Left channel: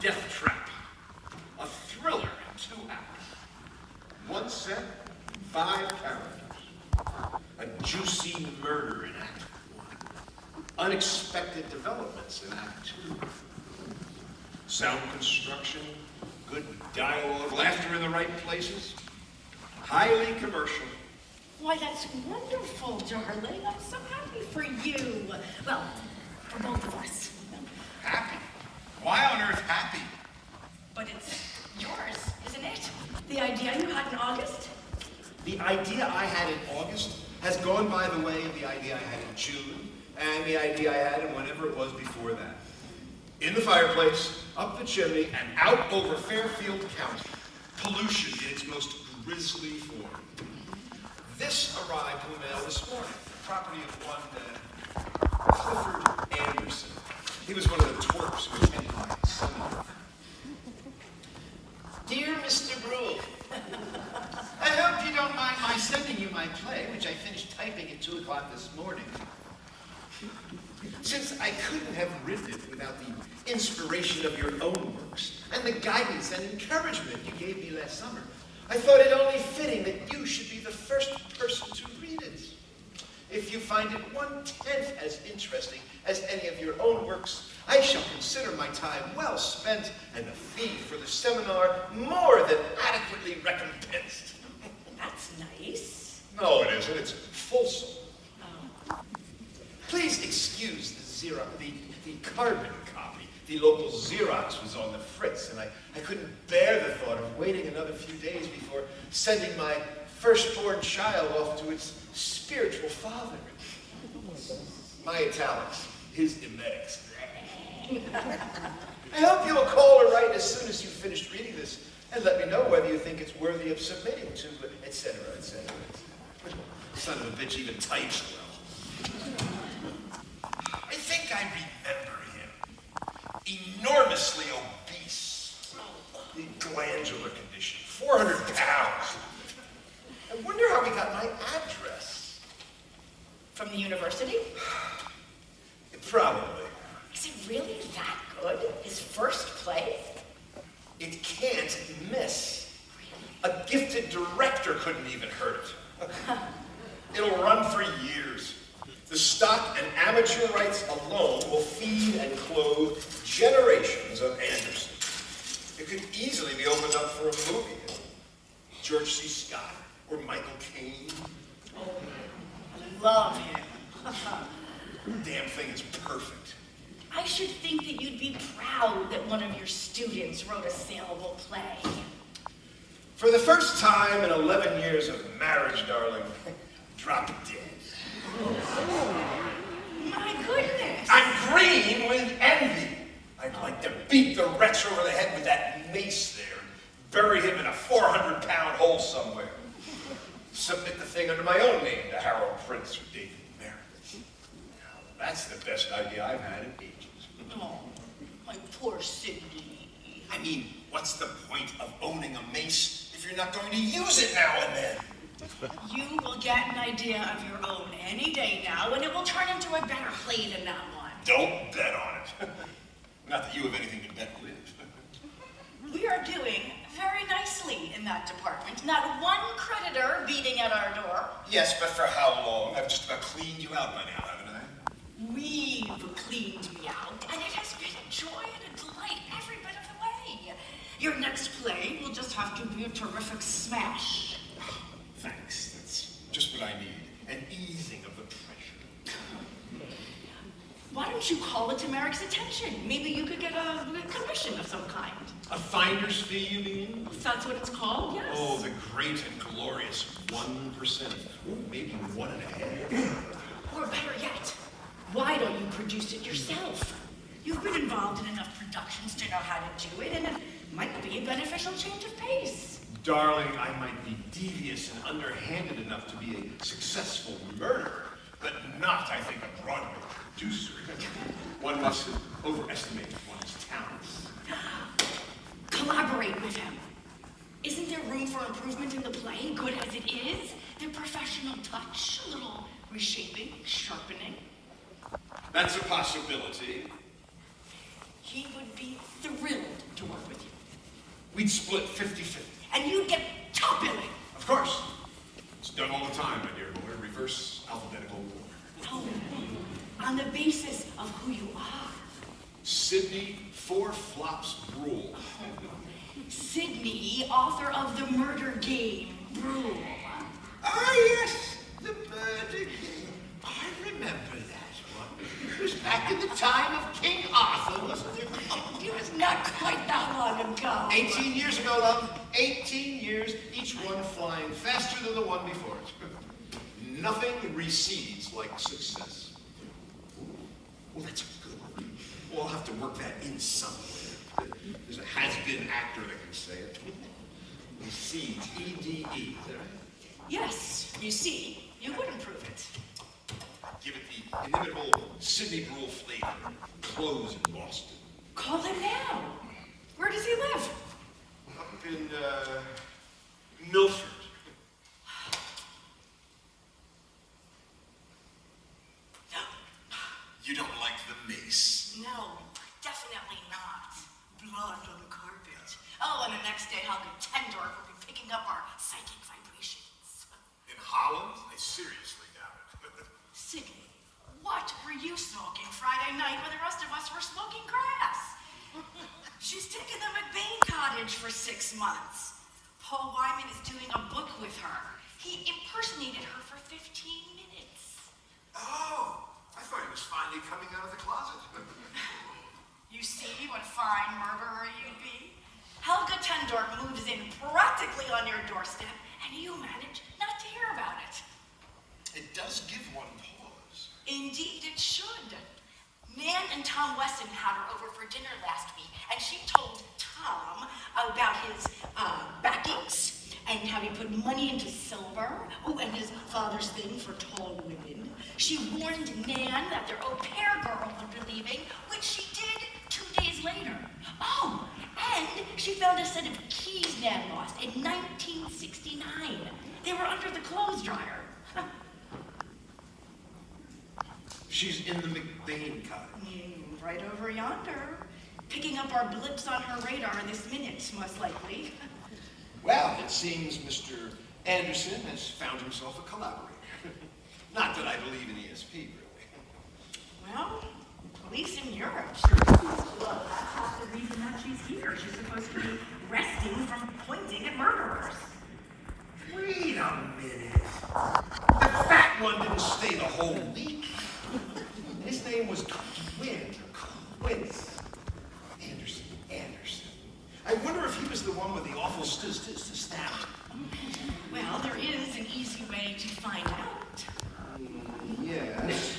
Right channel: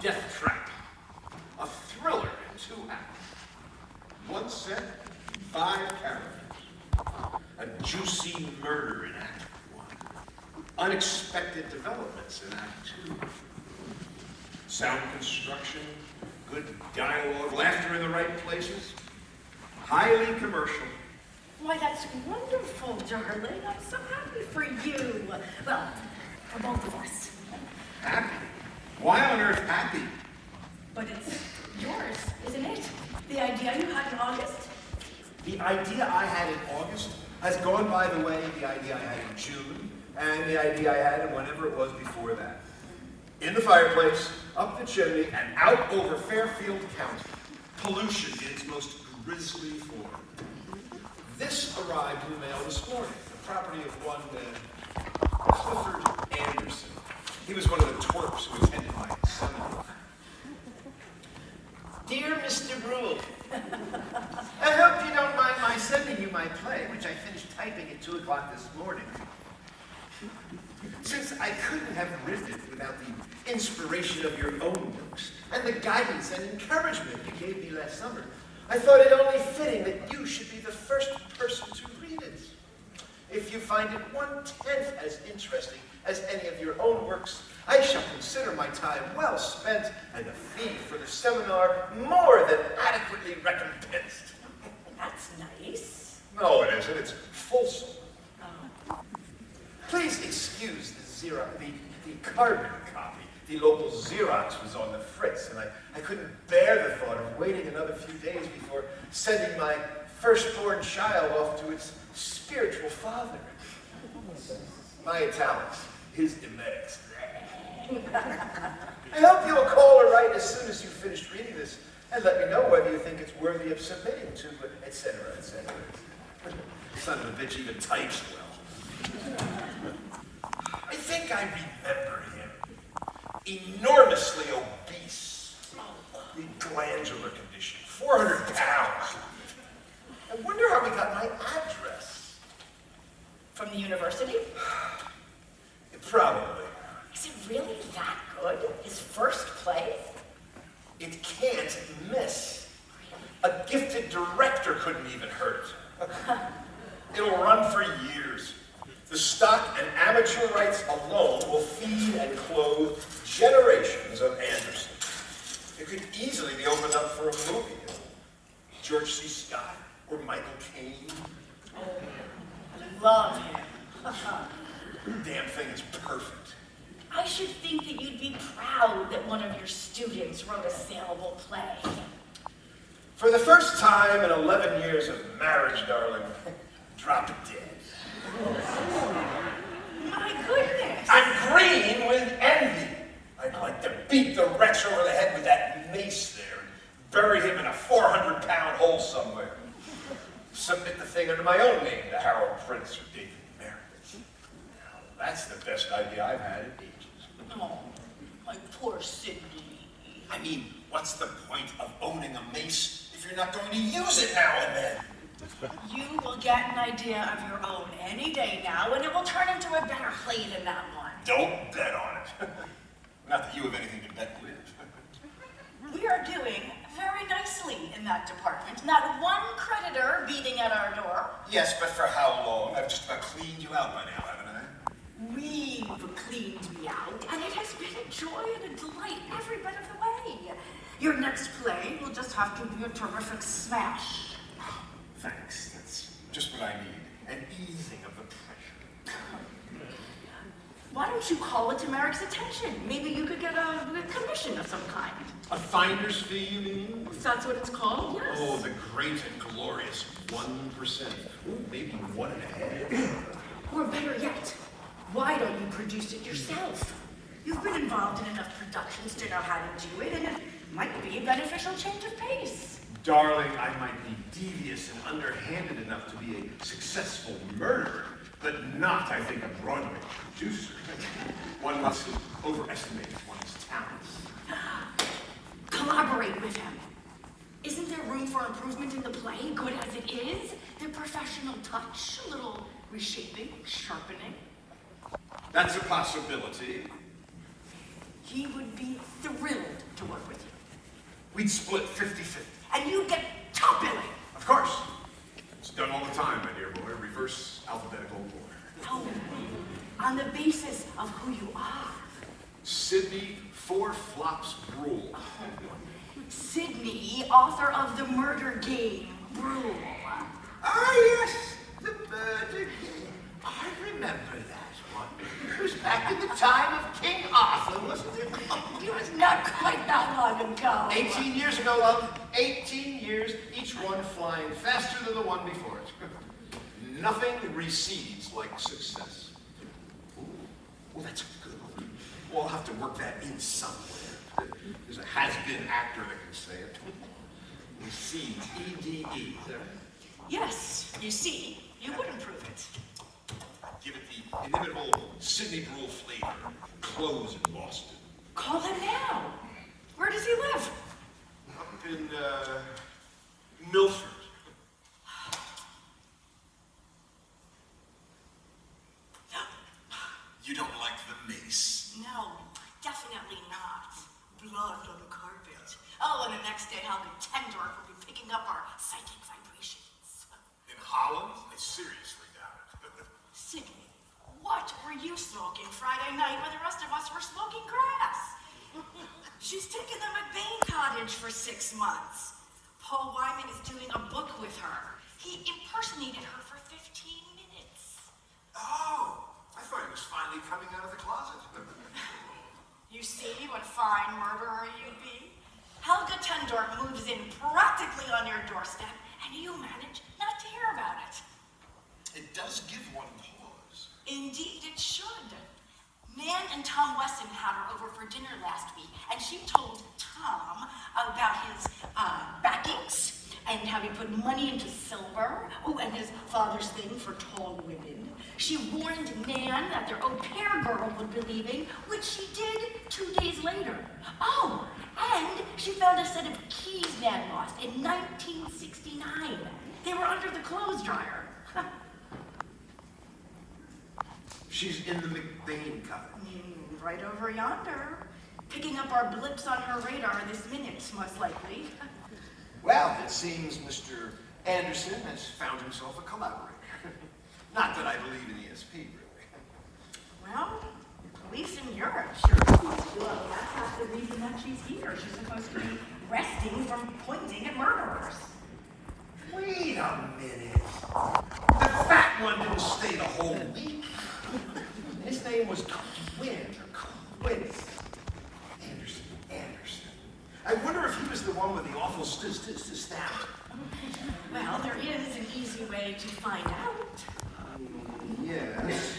Deathtrap, a thriller in 2 acts. 1 set, 5 characters. A juicy murder in Act 1. Unexpected developments in Act 2. Sound construction, good dialogue, laughter in the right places. Highly commercial. Why, that's wonderful, darling. I'm so happy for you. Well, for both of us. Happy? Why on earth happy? But it's yours, isn't it? The idea you had in August? The idea I had in August has gone by the way the idea I had in June, and the idea I had in whenever it was before that. In the fireplace, up the chimney, and out over Fairfield County. Pollution in its most grisly form. This arrived in the mail this morning, the property of one Clifford Anderson. He was one of the twerps who attended my son. Dear Mr. Brule, I hope you don't mind my sending you my play, which I finished typing at 2 o'clock this morning. Since I couldn't have written it without the inspiration of your own works and the guidance and encouragement you gave me last summer, I thought it only fitting that you should be the first person to read it. If you find it 1/10 as interesting as any of your own works, I shall consider my time well spent and the fee for the seminar more than adequately recompensed. That's nice. No, it isn't. It's fulsome. Please excuse the carbon copy. The local Xerox was on the fritz, and I couldn't bear the thought of waiting another few days before sending my firstborn child off to its spiritual father. My italics, his emetics. I hope you'll call or write as soon as you've finished reading this, and let me know whether you think it's worthy of submitting to, etc., etc. Son of a bitch even types well. I think I remember him. Enormously obese. Glandular condition. 400 pounds. I wonder how he got my address. From the university? Probably. Is it really that good? His first play? It can't miss. A gifted director couldn't even hurt it. It'll run for years. The stock and amateur rights alone will feed and clothe generations of Anderson. It could easily be opened up for a movie. George C. Scott or Michael Caine. Oh, I love him. Damn thing is perfect. I should think that you'd be proud that one of your students wrote a saleable play. For the first time in 11 years of marriage, darling, drop dead. My goodness. I'm green with envy. I'd like to beat the wretch over the head with that mace there and bury him in a 400-pound hole somewhere. Submit the thing under my own name to Harold Prince or David Merritt. That's the best idea I've had in ages. Oh, my poor Sidney. I mean, what's the point of owning a mace if you're not going to use it now and then? You will get an idea of your own any day now, and it will turn into a better play than that one. Don't bet on it. Not that you have anything to bet with. We are doing very nicely in that department. Not one creditor beating at our door. Yes, but for how long? I've just about cleaned you out by now, haven't I? We've cleaned me out, and it has been a joy and a delight every bit of the way. Your next play will just have to be a terrific smash. Thanks. That's just what I need. An easing of the pressure. Why don't you call it to Merrick's attention? Maybe you could get a commission of some kind. A finder's fee, you mean? If that's what it's called, yes. Oh, the great and glorious 1%. Maybe 1.5%. Or better yet, why don't you produce it yourself? You've been involved in enough productions to know how to do it, and Might be a beneficial change of pace. Darling, I might be devious and underhanded enough to be a successful murderer, but not, I think, a Broadway producer. One mustn't overestimate one's talents. Collaborate with him. Isn't there room for improvement in the play, good as it is? The professional touch, a little reshaping, sharpening. That's a possibility. He would be thrilled to work with you. We'd split 50-50. And you'd get top billing. Of course. It's done all the time, my dear boy. Reverse alphabetical order. No, on the basis of who you are. Sidney Four Flops Brule. Sidney, author of The Murder Game, Brule. Ah, yes, the murder game. I remember that one. It was back in the time of King Arthur, wasn't it? It was not quite that long ago. 18 years ago, love. 18 years, each one flying faster than the one before it. Nothing recedes like success. Ooh, well, that's a good one. We'll have to work that in somewhere. There's a has-been actor that can say it. Recedes, E-D-E. Is that right? Yes, you see, you would improve it. Give it the inimitable Sidney Brule flavor. Close in Boston. Call him now. Where does he live? In, Milford. You don't like the mace? No, definitely not. Blood on the carpet. Oh, and the next day I'll be tender will be picking up our psychic vibrations. In Holland? I seriously doubt it. Sidney, what were you smoking Friday night when the rest of us were smoking grass? She's taken the McBain cottage for 6 months. Paul Wyman is doing a book with her. He impersonated her for 15 minutes. Oh, I thought he was finally coming out of the closet. You see what fine murderer you'd be? Helga Tendorf moves in practically on your doorstep, and you manage not to hear about it. It does give one pause. Indeed it should. Nan and Tom Weston had her over for dinner last week, and she told Tom about his backings and how he put money into silver, and his father's thing for tall women. She warned Nan that their au pair girl would be leaving, which she did 2 days later. Oh, and she found a set of keys Nan lost in 1969. They were under the clothes dryer. She's in the McBain cottage. Right over yonder. Picking up our blips on her radar this minute, most likely. Well, it seems Mr. Anderson has found himself a collaborator. Not that I believe in ESP, really. Well, police in Europe sure do. Well, that's not the reason that she's here. She's supposed to be resting from pointing at murderers. Wait a minute. The fat one didn't stay the whole week. His name was Quince. Anderson. I wonder if he was the one with the awful stab. Well, there is an easy way to find out. Yes.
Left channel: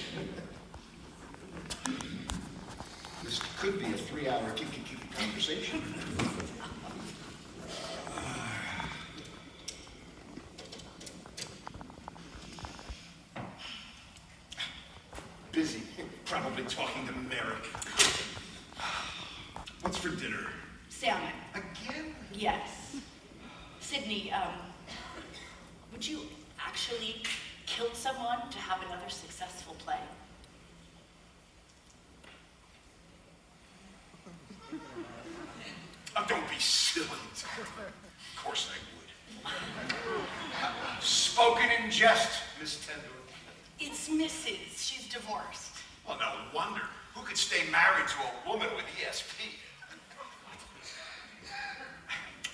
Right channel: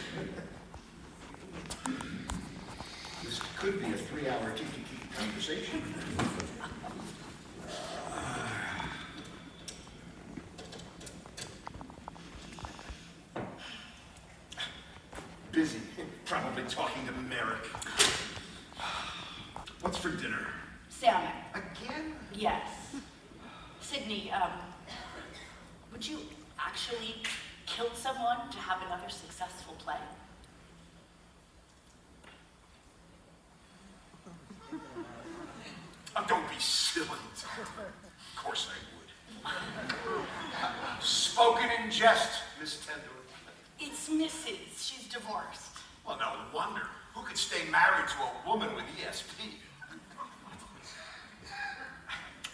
This could be a 3-hour kiki conversation. Busy, probably talking to Merrick. What's for dinner? Salmon. Again? Yes. Sidney, would you actually kill someone to have another successful play? Oh, don't be silly. Of course I would. Spoken in jest, Miss Tendler. It's Mrs. She's divorced. Well, no wonder. Who could stay married to a woman with ESP?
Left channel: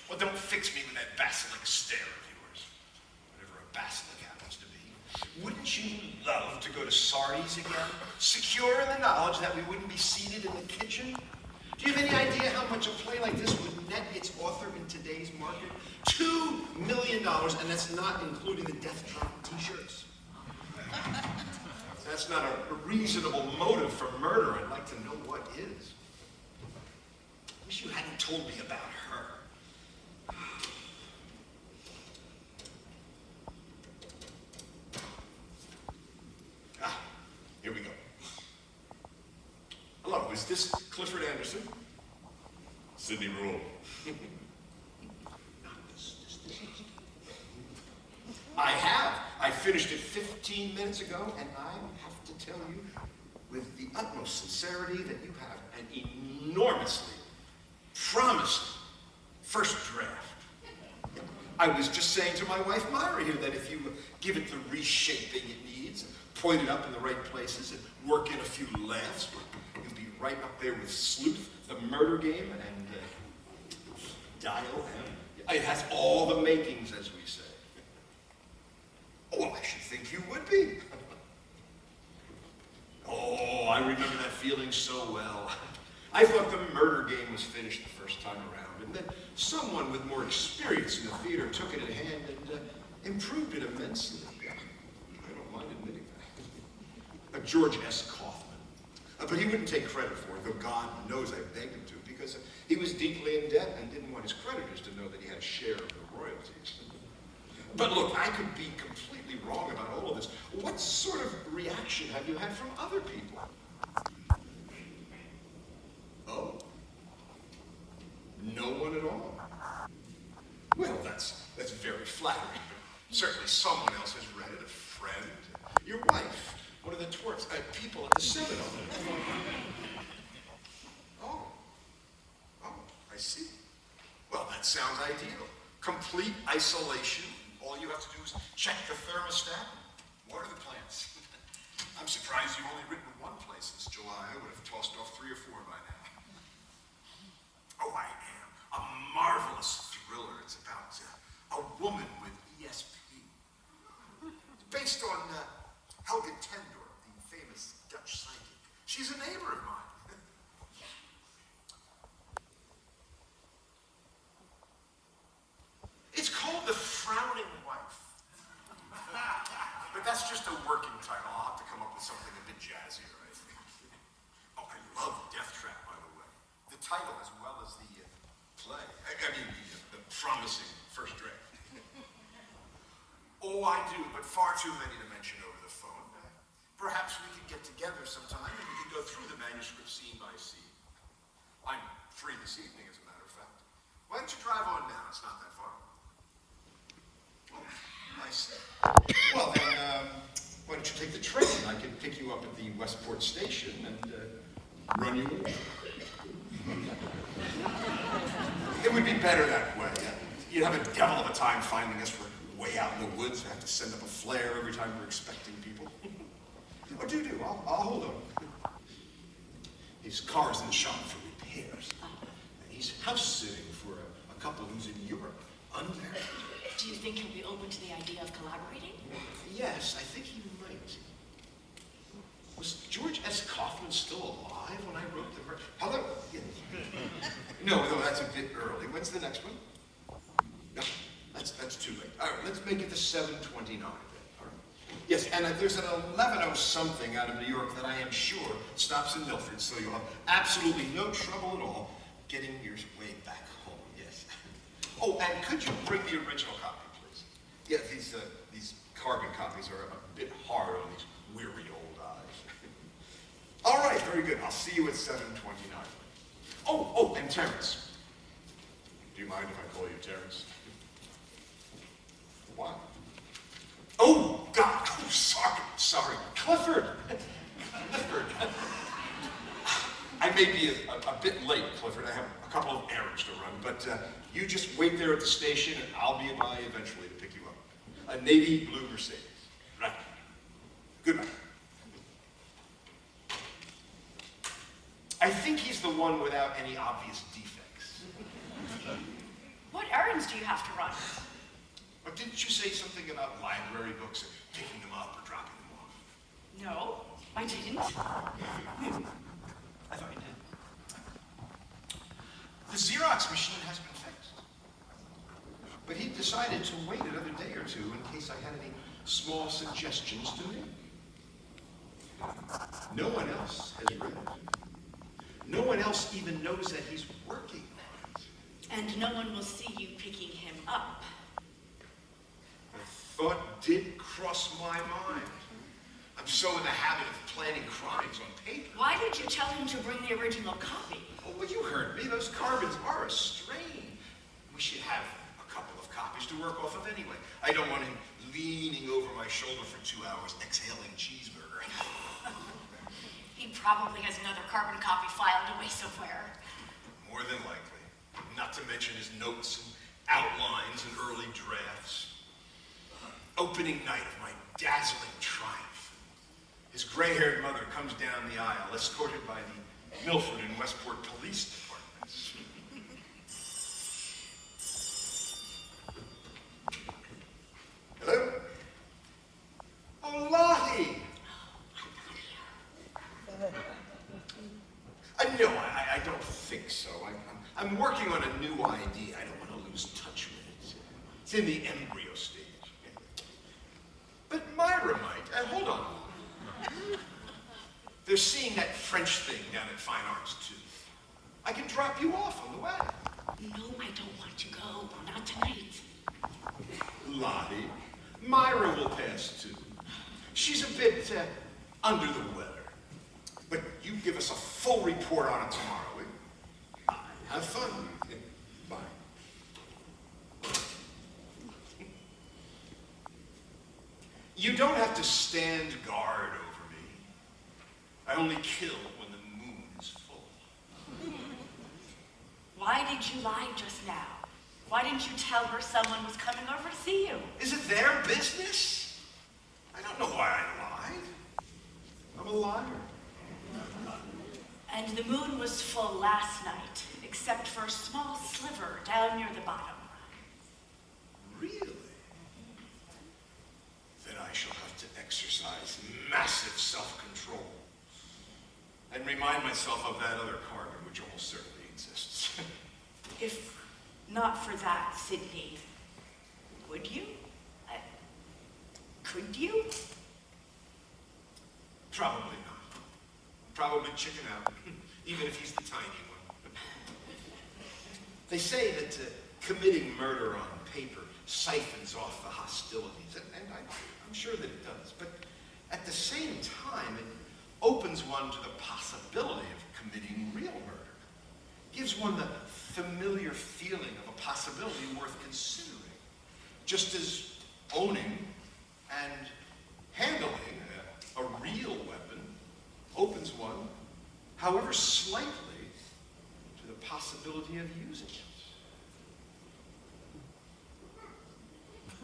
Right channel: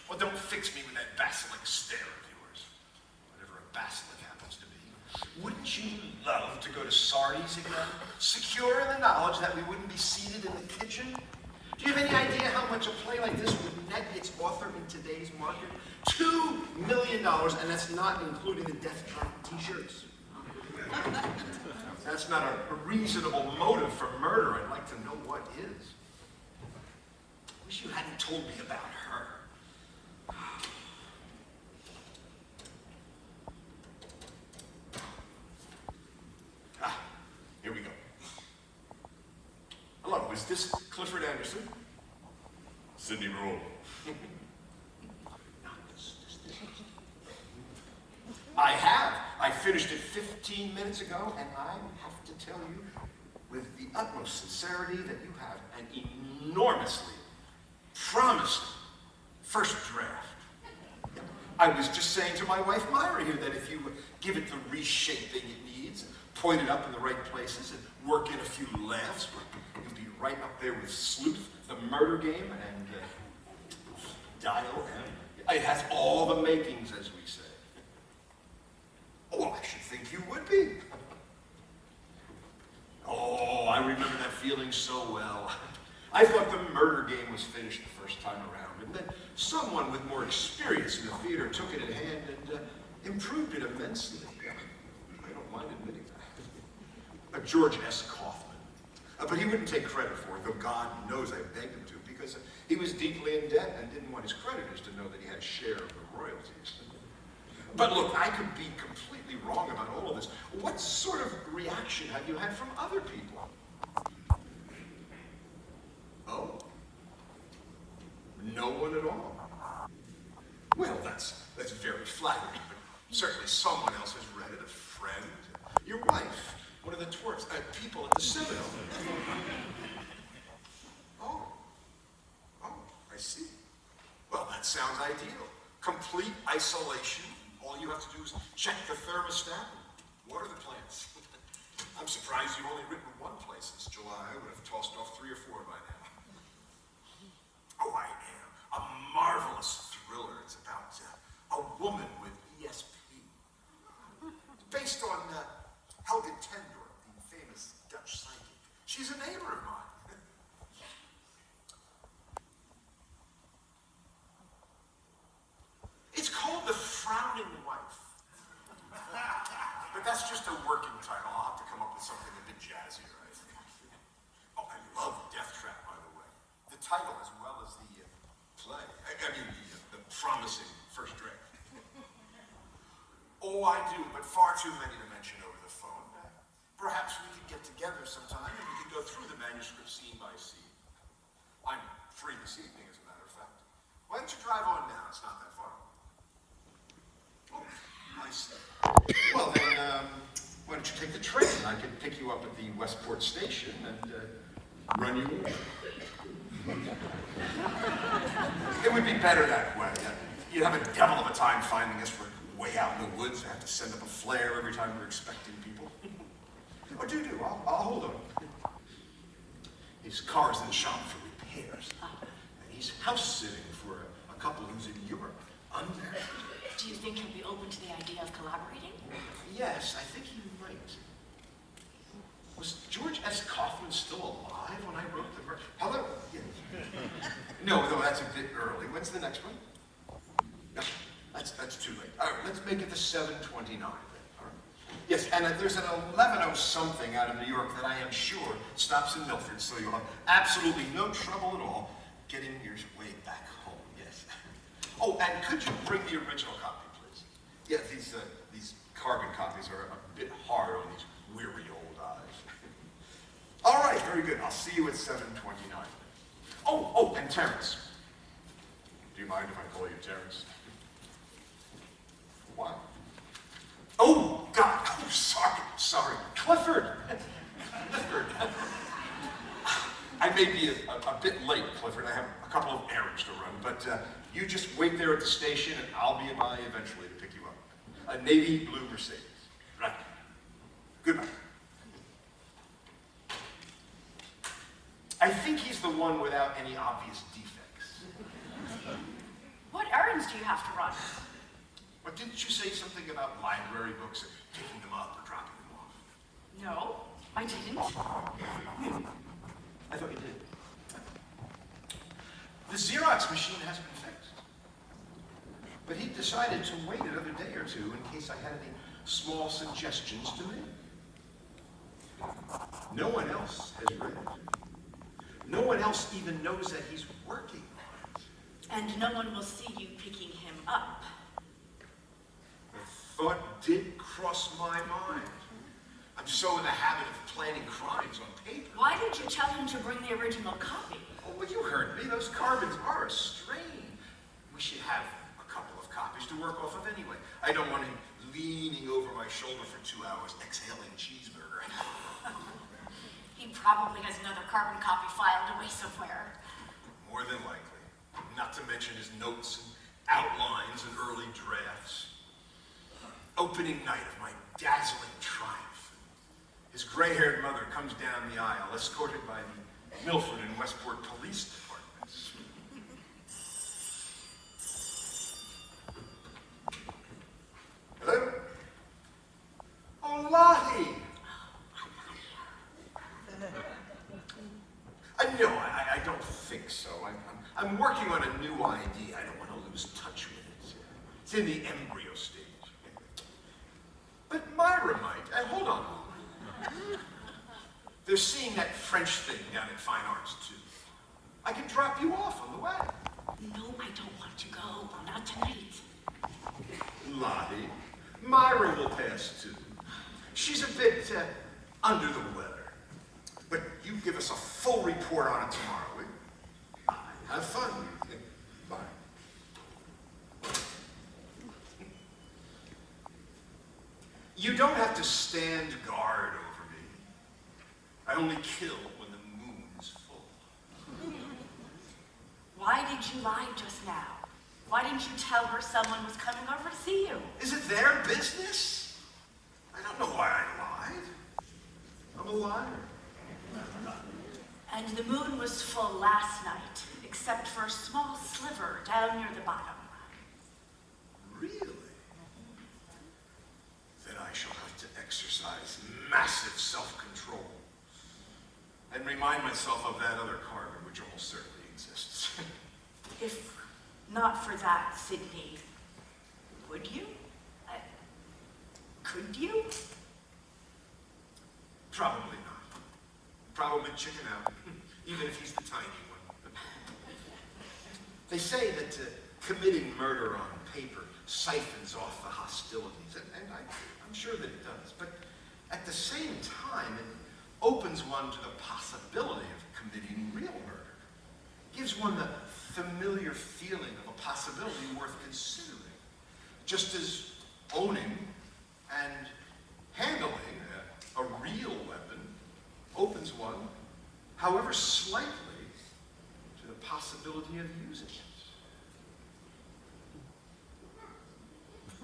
Well, don't fix me with that basilisk stare of yours. Whatever a basilisk happens to be. Wouldn't you love to go to Sardi's again? Secure in the knowledge that we wouldn't be seated in the kitchen? Do you have any idea how much a play like this would net its author in today's market? $2 million, and that's not including the Deathtrap t-shirts. That's not a reasonable motive for murder. I'd like to know what is. Wish you hadn't told me about her. this Clifford Anderson? Sidney Rule. I finished it 15 minutes ago, and I have to tell you, with the utmost sincerity, that you have an enormously promising first draft. I was just saying to my wife, Myra, here, that if you give it the reshaping it needs, point it up in the right places, and work in a few laughs, you'd be right up there with Sleuth, The Murder Game, and Dial M. It has all the makings, as we say. Oh, I should think you would be. Oh, I remember that feeling so well. I thought The Murder Game was finished the first time around, and then someone with more experience in the theater took it in hand and improved it immensely. I don't mind admitting that. George S. Kaufman. But he wouldn't take credit for it, though God knows I begged him to, because he was deeply in debt and didn't want his creditors to know that he had a share of the royalties. But look, I could be completely wrong about all of this. What sort of reaction have you had from other people? Oh. No one at all. Well, that's very flattering. Certainly someone else has read it, a friend, your wife, one of the dwarfs, people at the seminar. Oh, I see. Well, that sounds ideal. Complete isolation. All you have to do is check the thermostat, water the plants. I'm surprised you've only written one play since July. I would have tossed off 3 or 4 by now. Oh, I am. A marvelous thriller. It's about a woman with ESP. Based on Helga Tendorf, the famous Dutch psychic. She's a neighbor of mine. It's called The Frowning Wife. But that's just a working title. I'll have to come up with something a bit jazzier, I think. Oh, I love Deathtrap, by the way. The title as well as the play. I mean, the promising first draft. Oh, I do, but far too many to mention over the phone. Perhaps we could get together sometime and we could go through the manuscript scene by scene. I'm free this evening, as a matter of fact. Why don't you drive on now? It's not that far. Oh, I see. Well, then, why don't you take the train? I could pick you up at the Westport station and run you over. It would be better that way. You'd have a devil of a time finding us. We're way out in the woods. I have to send up a flare every time we're expecting people. Oh, do. I'll hold him. His car's in the shop for repairs. And he's house sitting for a couple who's in Europe, unmarried. Do you think he'll be open to the idea of collaborating? Yes, I think he might. Was George S. Kaufman still alive when I wrote the verse? Hello? Yeah. No, that's a bit early. When's the next one? No, that's too late. All right, let's make it the 7:29. All right. Yes, and there's an 11:00 something out of New York that I am sure stops in Milford, so you'll have absolutely no trouble at all getting your way back home. Yes. Oh, and could you bring the original copy, please? Yeah, these carbon copies are a bit hard on these weary old eyes. All right, very good. I'll see you at 7:29. Oh, and Terrence. Do you mind if I call you Terrence? Why? Oh, God. Oh, sorry. Clifford. Clifford. I may be a bit late, Clifford. I have a couple of errands to run, but you just wait there at the station, and I'll be by eventually to pick you up. A navy blue Mercedes. Right. Goodbye. I think he's the one without any obvious defects. What errands do you have to run? But didn't you say something about library books and picking them up or dropping them off? No, I didn't. I thought you did. The Xerox machine has been fixed. But he decided to wait another day or two in case I had any small suggestions to make. No one else has read it. No one else even knows that he's working on it. And no one will see you picking him up. The thought did cross my mind. so in the habit of planning crimes on paper. Why did you tell him to bring the original copy? Oh, well, you heard me. Those carbons are a strain. We should have a couple of copies to work off of anyway. I don't want him leaning over my shoulder for 2 hours, exhaling cheeseburger. He probably has another carbon copy filed away somewhere. More than likely. Not to mention his notes and outlines and early drafts. Opening night of my dazzling triumph. His gray-haired mother comes down the aisle, escorted by the Milford and Westport police departments. Hello? Oh, Lottie! No, I don't think so. I'm working on a new idea. I don't want to lose touch with it. It's in the embryo stage. But Myra might. Hold on. They're seeing that French thing down at Fine Arts, too. I can drop you off on the way. No, I don't want to go. Not tonight. Lottie, Myra will pass, too. She's a bit under the weather. But you give us a full report on it tomorrow, will you? Have fun. Bye. You don't have to stand guard over me. I only kill when the moon is full. Why did you lie just now? Why didn't you tell her someone was coming over to see you? Is it their business? I don't know why I lied. I'm a liar. And the moon was full last night, except for a small sliver down near the bottom. Really? Then I shall have to exercise massive self-control and remind myself of that other carbon, which almost certainly exists. If not for that, Sydney, would you? Could you? Probably not. Probably chicken out, even if he's the tiny one. They say that committing murder on paper siphons off the hostilities, and I'm sure that it does. But at the same time, it opens one to the possibility of committing real murder. Gives one the familiar feeling of a possibility worth considering. Just as owning and handling a real weapon opens one, however slightly, to the possibility of using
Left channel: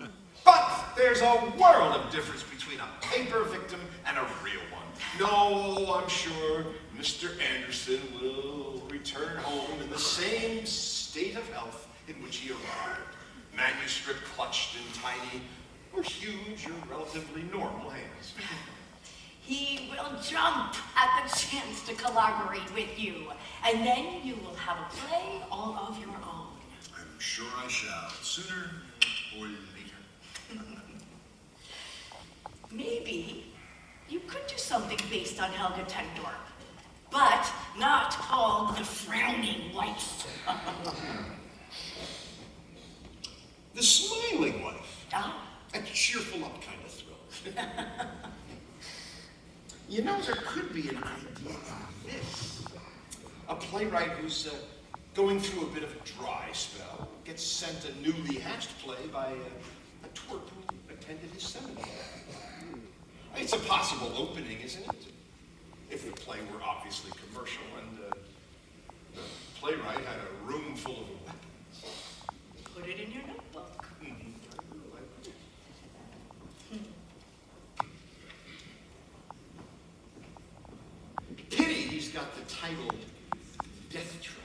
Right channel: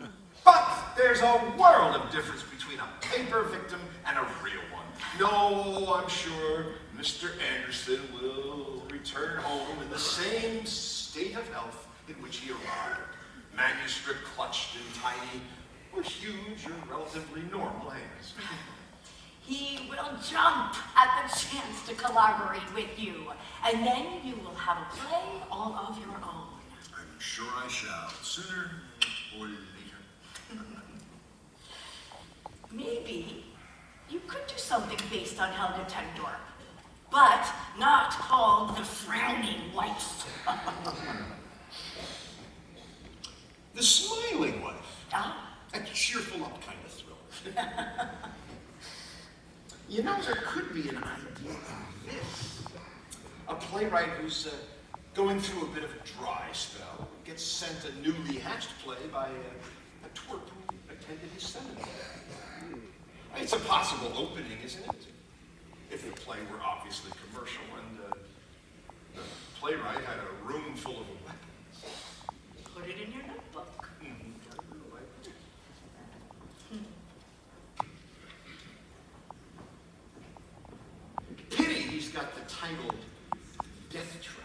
it. But there's a world of difference between a paper victim and a real one. No, I'm sure Mr. Anderson will return home in the same state of health in which he arrived. Manuscript clutched in tiny, or huge, or relatively normal hands. He will jump at the chance to collaborate with you, and then you will have a play all of your own. I'm sure I shall, sooner or later. Maybe you could do something based on Helga Tendorp, but not called the Frowning Wife. The Smiling Wife. Ah. A cheerful up kind of thriller. You know, there could be an idea like this. A playwright who's going through a bit of a dry spell gets sent a newly hatched play by a twerp who attended his seminary. It's a possible opening, isn't it? If the play were obviously commercial and the playwright had a room full of weapons. Put it in your notebook. Pity he's got the title Deathtrap.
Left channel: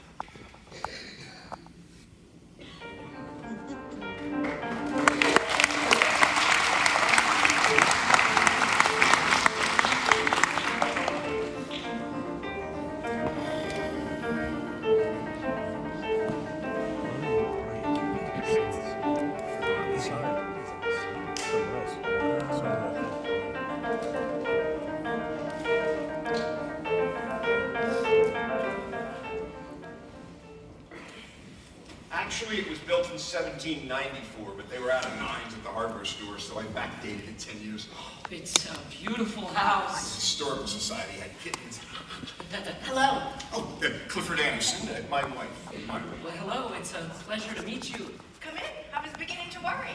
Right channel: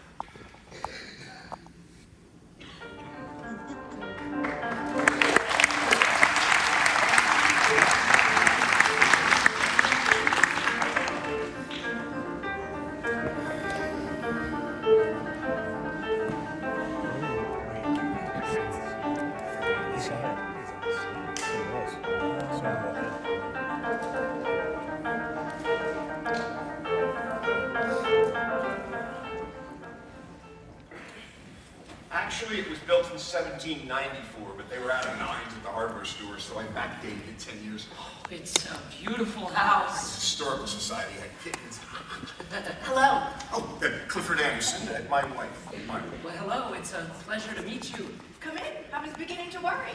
Actually, it was built in 1794, but they were out of nines at the hardware store, so I backdated it 10 years. It's a beautiful house. Historical Society had kittens. Hello. Oh, Clifford Anderson, my wife. Well, hello, it's a pleasure to meet you. Come in. I was beginning to worry.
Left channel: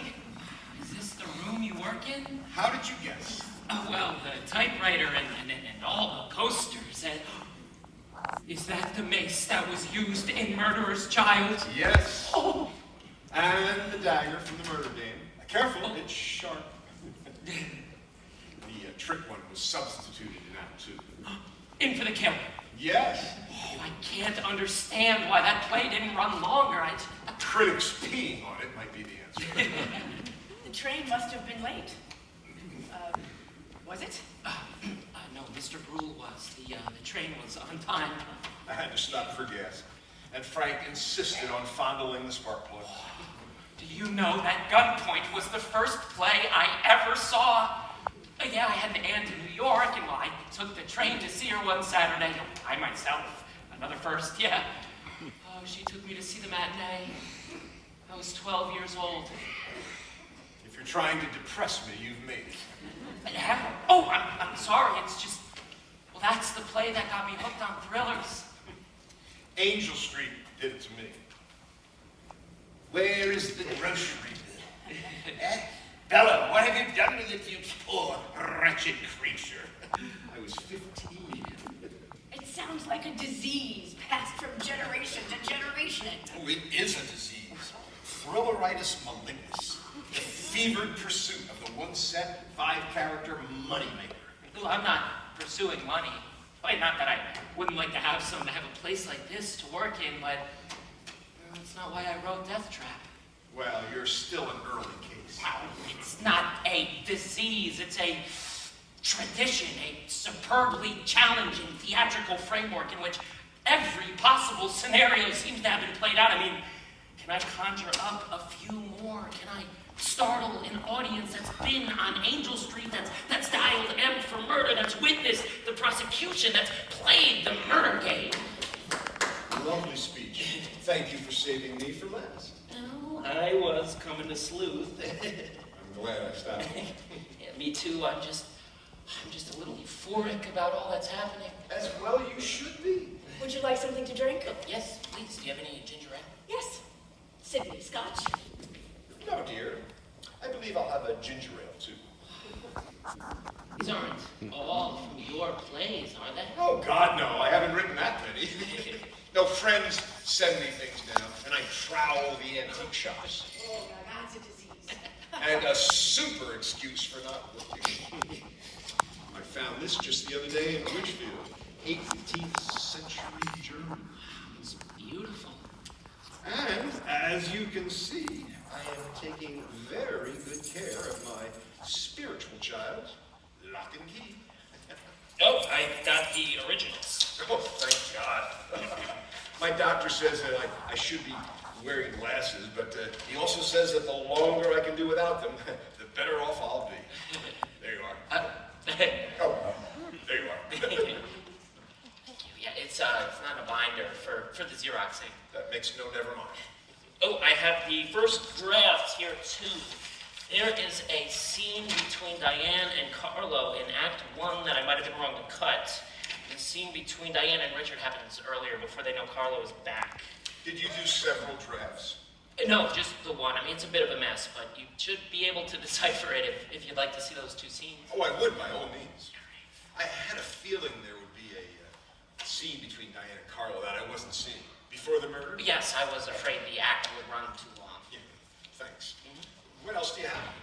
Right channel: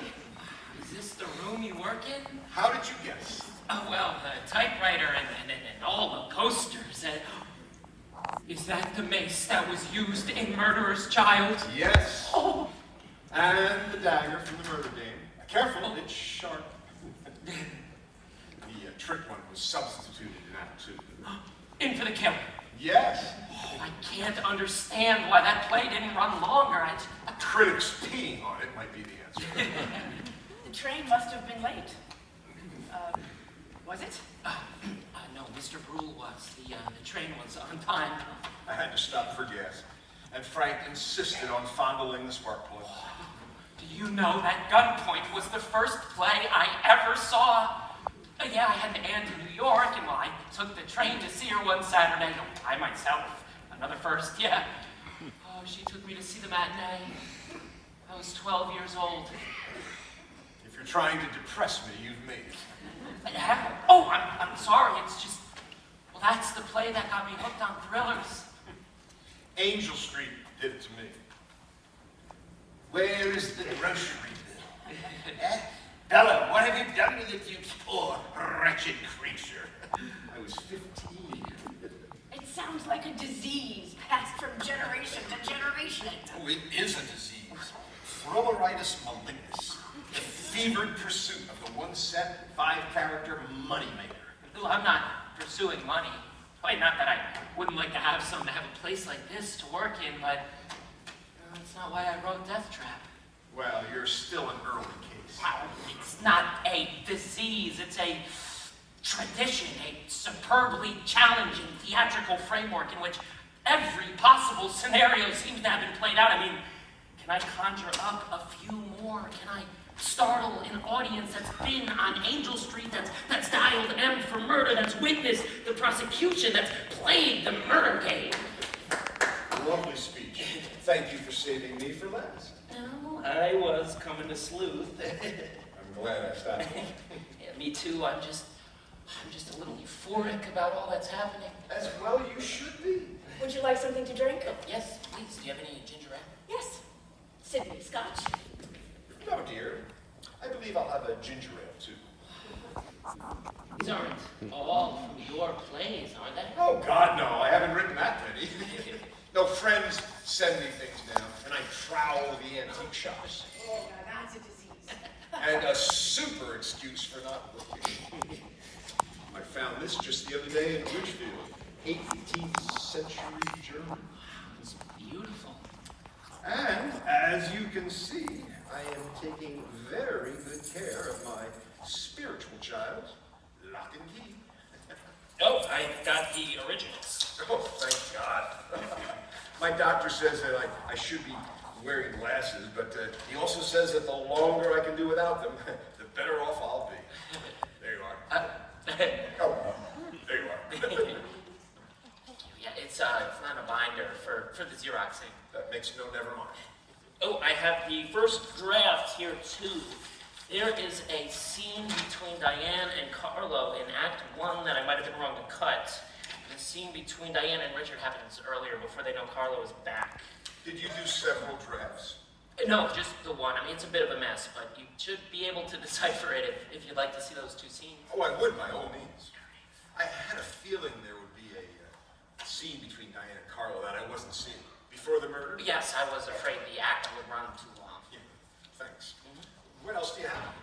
Is this the room you work in? How did you guess? Oh, well, the typewriter and all the posters. And is that the mace that was used in Murderer's Child? Yes. Oh, And the dagger from the murder dame. Careful, it's sharp. The trick one was substituted in Act 2. in for the killing. Yes. I can't understand why that play didn't run longer. Critics peeing on it might be the answer. The train must have been late. Was it? No, Mr. Brule was. The train was on time. I had to stop for gas. And Frank insisted on fondling the spark plug. Do you know that Gunpoint was the first play I ever saw? Yeah, I had an aunt in New York, and well, I took the train to see her one Saturday. I myself, another first, yeah. Oh, she took me to see the matinee. I was 12 years old. If you're trying to depress me, you've made it. Oh, I'm sorry, it's just, well, that's the play that got me hooked on thrillers. Angel Street did it to me. Where is the grocery bill? Bella, what have you done with it, you poor, wretched creature? I was 15. It sounds like a disease passed from generation to generation. Oh, it is a disease. Thrilleritis malignus. The fevered pursuit of the one-set, five-character moneymaker. Well, I'm not pursuing money. Why, not that I wouldn't like to have a place like this to work in, but that's not why I wrote Deathtrap. Well, you're still an early case. It's not a disease, it's a tradition, a superbly challenging theatrical framework in which every possible scenario seems to have been played out. I mean, can I conjure up a few more? Can I startle an audience that's been on Angel Street, that's dialed M for murder, that's witnessed the prosecution, that's played the murder game? Lovely speech. Thank you for saving me for last. Oh, I was coming to sleuth. I'm glad I stopped. Yeah, me too. I'm just a little euphoric about all that's happening. As well you should be. Would you like something to drink? Yes, please. Do you have any ginger ale? Yes. Sydney Scotch. No, dear. I believe I'll have a ginger ale, too. These aren't all from your plays, are they? Oh, God, no. I haven't written that many. No, friends send me things now, and I trowel the antique shops. Oh, now that's a disease. And a super excuse for not working. I found this just the other day in Ridgefield. 18th century German. It's beautiful. And, as you can see, I am taking very good care of my spiritual child, Lock and Key. Oh, I got the original. Oh, thank God. My doctor says that I should be wearing glasses, but he also says that the longer I can do without them, the better off I'll be. There you are. Oh, there you are. Thank you. Yeah, it's not a binder for the Xeroxing. That makes no never mind. Oh, I have the first draft here too. There is a scene between Diane and Carlo in Act 1 that I might have been wrong to cut. The scene between Diane and Richard happens earlier, before they know Carlo is back. Did you do several drafts? No, just the one. I mean, it's a bit of a mess, but you should be able to decipher it if you'd like to see those two scenes. Oh, I would, by all means. I had a feeling there would be a scene between Diane and Carlo that I wasn't seeing. Before the murder? Yes, I was afraid the act would run too long. Yeah, thanks. What else do you have?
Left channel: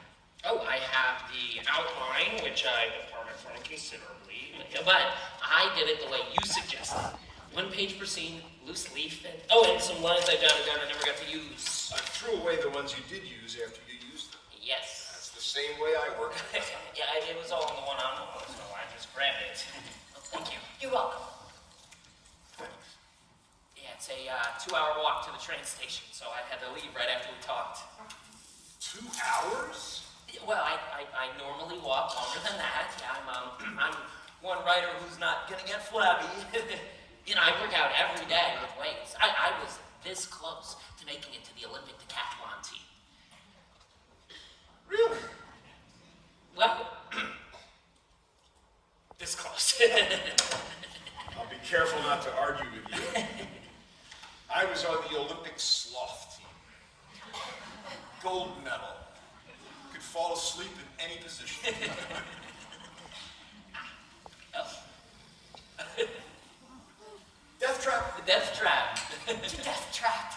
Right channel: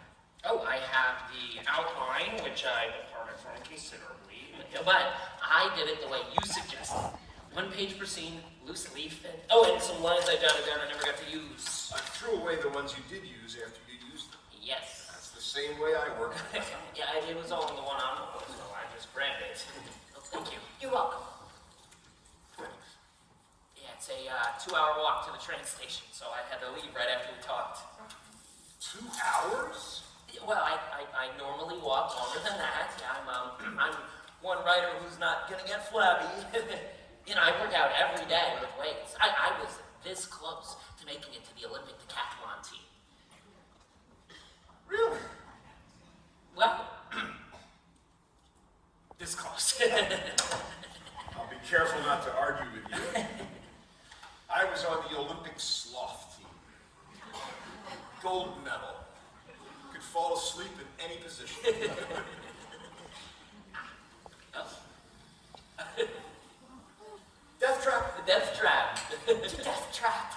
Oh, I have the outline, which I departed from considerably, but I did it the way you suggested. 1 page per scene, loose leaf, and some lines I jotted down I never got to use. I threw away the ones you did use after you used them. Yes. That's the same way I work. Yeah, it was all in the one envelope, so I just grabbed it. Thank you. You're welcome. Thanks. Yeah, it's a 2-hour walk to the train station, so I had to leave right after we talked. 2 hours? Well, I normally walk longer than that. I'm one writer who's not gonna get flabby. You know, I work out every day with weights. I was this close to making it to the Olympic decathlon team. Really? Well, this close. I'll be careful not to argue with you. I was on the Olympic sloth team. Gold medal. Could fall asleep in any position. Deathtrap. The Deathtrap. Deathtrap.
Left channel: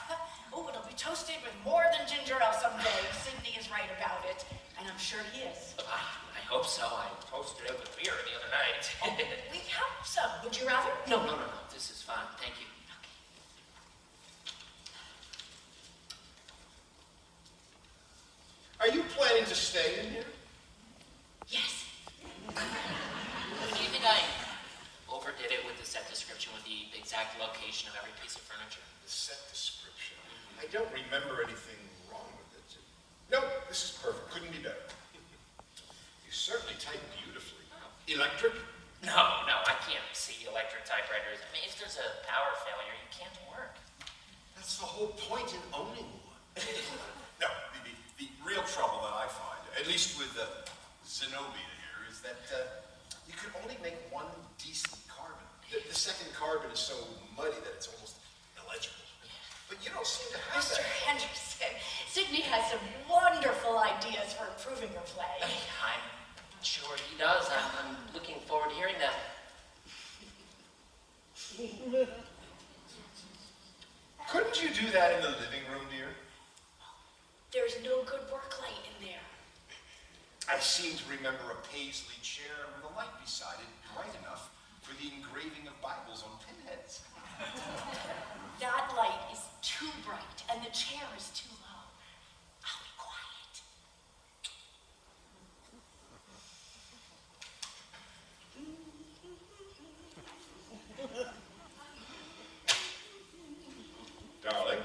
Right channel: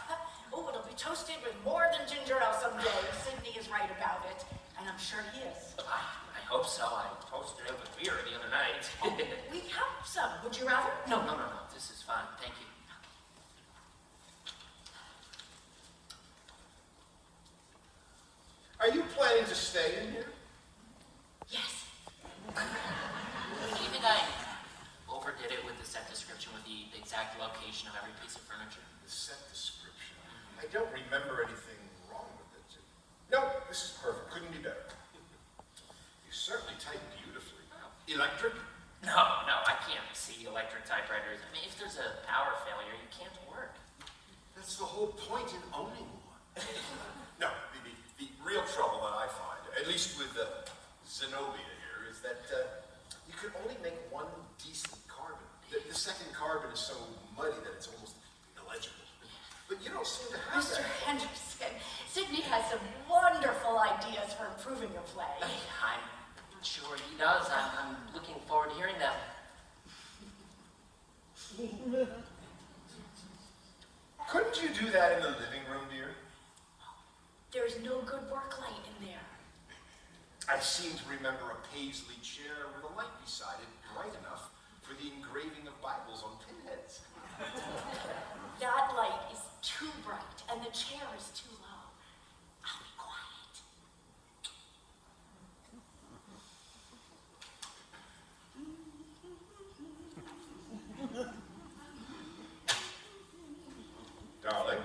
Oh, it'll be toasted with more than ginger ale someday. Sydney is right about it, and I'm sure he is. I hope so. I toasted up a beer the other night. We have some. Would you rather? No. This is fine. Thank you. Are you planning to stay in here? Yes. Maybe I overdid it with the set description with the exact location of every piece of furniture. Set description. I don't remember anything wrong with it. No, this is perfect. Couldn't be better. You certainly type beautifully. Electric? No, I can't see electric typewriters. I mean, if there's a power failure, you can't work. That's the whole point in owning one. No, the real trouble that I find, at least with Zenobia here, is that you can only make one decent carbon. The second carbon is so muddy that it's almost illegible. But you don't seem to have Mr. that. Henderson, Sydney has some wonderful ideas for improving your play. I'm sure he does. I'm looking forward to hearing them. Couldn't you do that in the living room, dear? There's no good work light in there. I seem to remember a paisley chair with a light beside it, bright enough for the engraving of Bibles on pinheads. That light is too bright, and the chair is too low. I'll be quiet. Darling.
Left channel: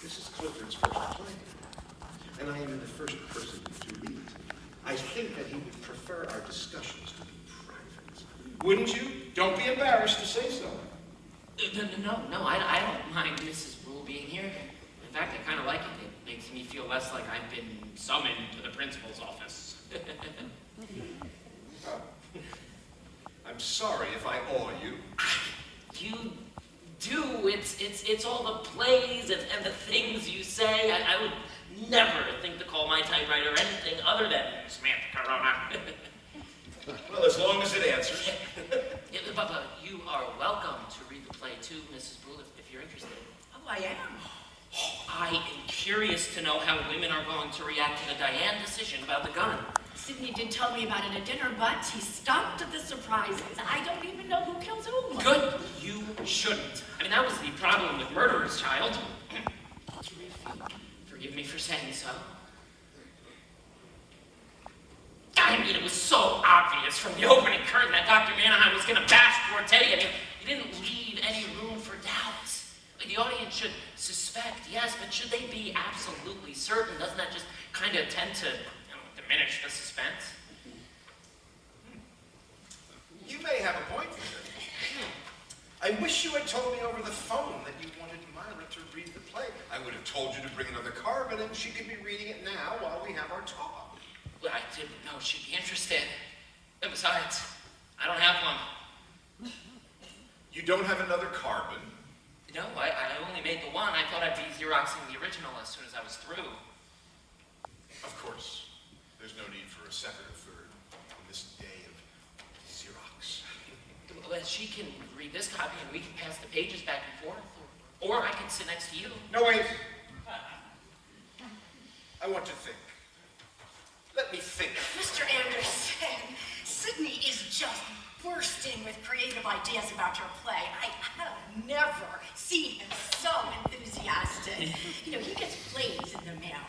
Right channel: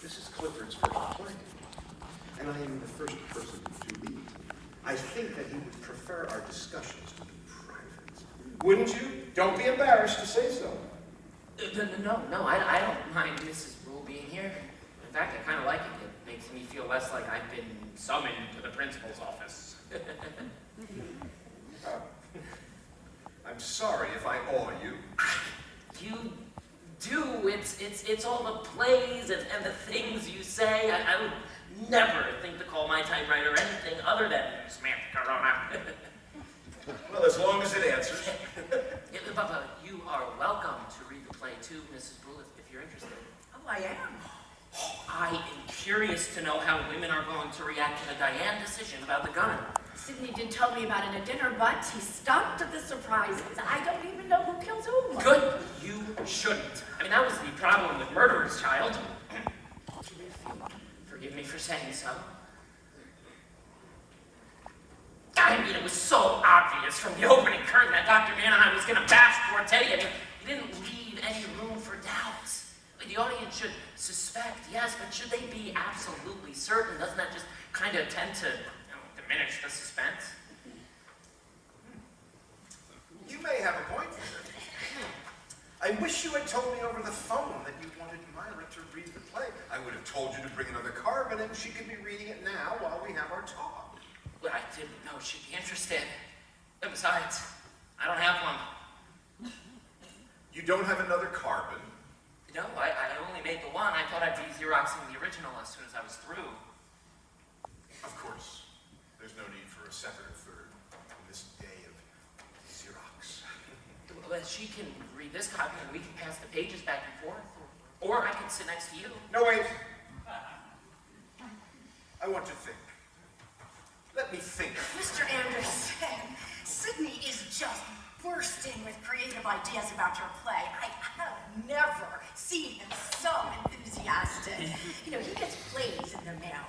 This is Clifford's first play, and I am the first person to read it. I think that he would prefer our discussions to be private. Wouldn't you? Don't be embarrassed to say so. No, I don't mind Mrs. Rule being here. In fact, I kind of like it. It makes me feel less like I've been summoned to the principal's office. I'm sorry if I awe you. You do. It's all the plays and the things you say. I would never think to call my typewriter anything other than Samantha Corona. Well, as long as it answers. Yeah, but you are welcome to read the play too, Mrs. Brule, if you're interested. Oh, I am. I am curious to know how women are going to react to the Diane decision about the gun. Sydney did tell me about it at dinner, but he stopped at the surprises. I don't even know who kills whom. Good. You shouldn't. I mean, that was the problem with Murderer's Child. Forgive me for saying so. I mean, it was so obvious from the opening curtain that Dr. Manaheim was going to bash poor Teddy. I mean, he didn't leave any room for doubts. The audience should suspect, yes, but should they be absolutely certain? Doesn't that just kind of tend to diminish the suspense? You may have a point there. I wish you had told me over the phone that you wanted Myra to read the play. I would have told you to bring another carbon and she could be reading it now while we have our talk. Well, I didn't know she'd be interested. And besides, I don't have one. You don't have another carbon? No, I only made the one. I thought I'd be Xeroxing the original as soon as I was through. Of course. There's no need for a second or third in this day of Xerox. Well, she can read this copy and we can pass the pages back and forth. Or I can sit next to you. No, wait. I want to think. Let me think. Mr. Anderson, Sydney is just bursting with creative ideas about your play. I have never seen him so enthusiastic. You know, he gets plays in the mail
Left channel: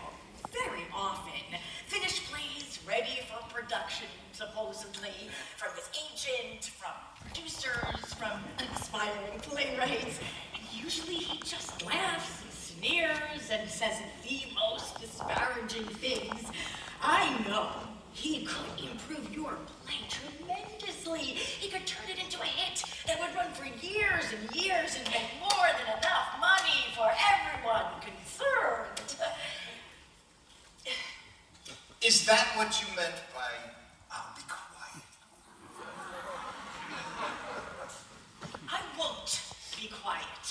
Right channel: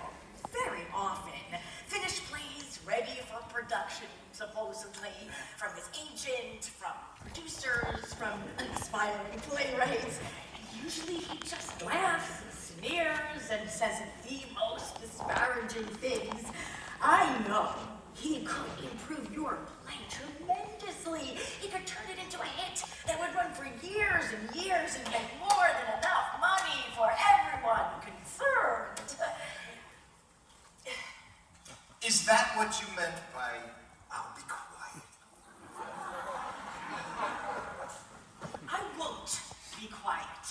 very often. Finished plays ready for production, supposedly, from his agent, from producers, from aspiring playwrights. And usually he just laughs and sneers and says the most disparaging things. I know He could improve your play tremendously. He could turn it into a hit that would run for years and years and make more than enough money for everyone concerned. Is that what you meant by, I'll be quiet? I won't be quiet.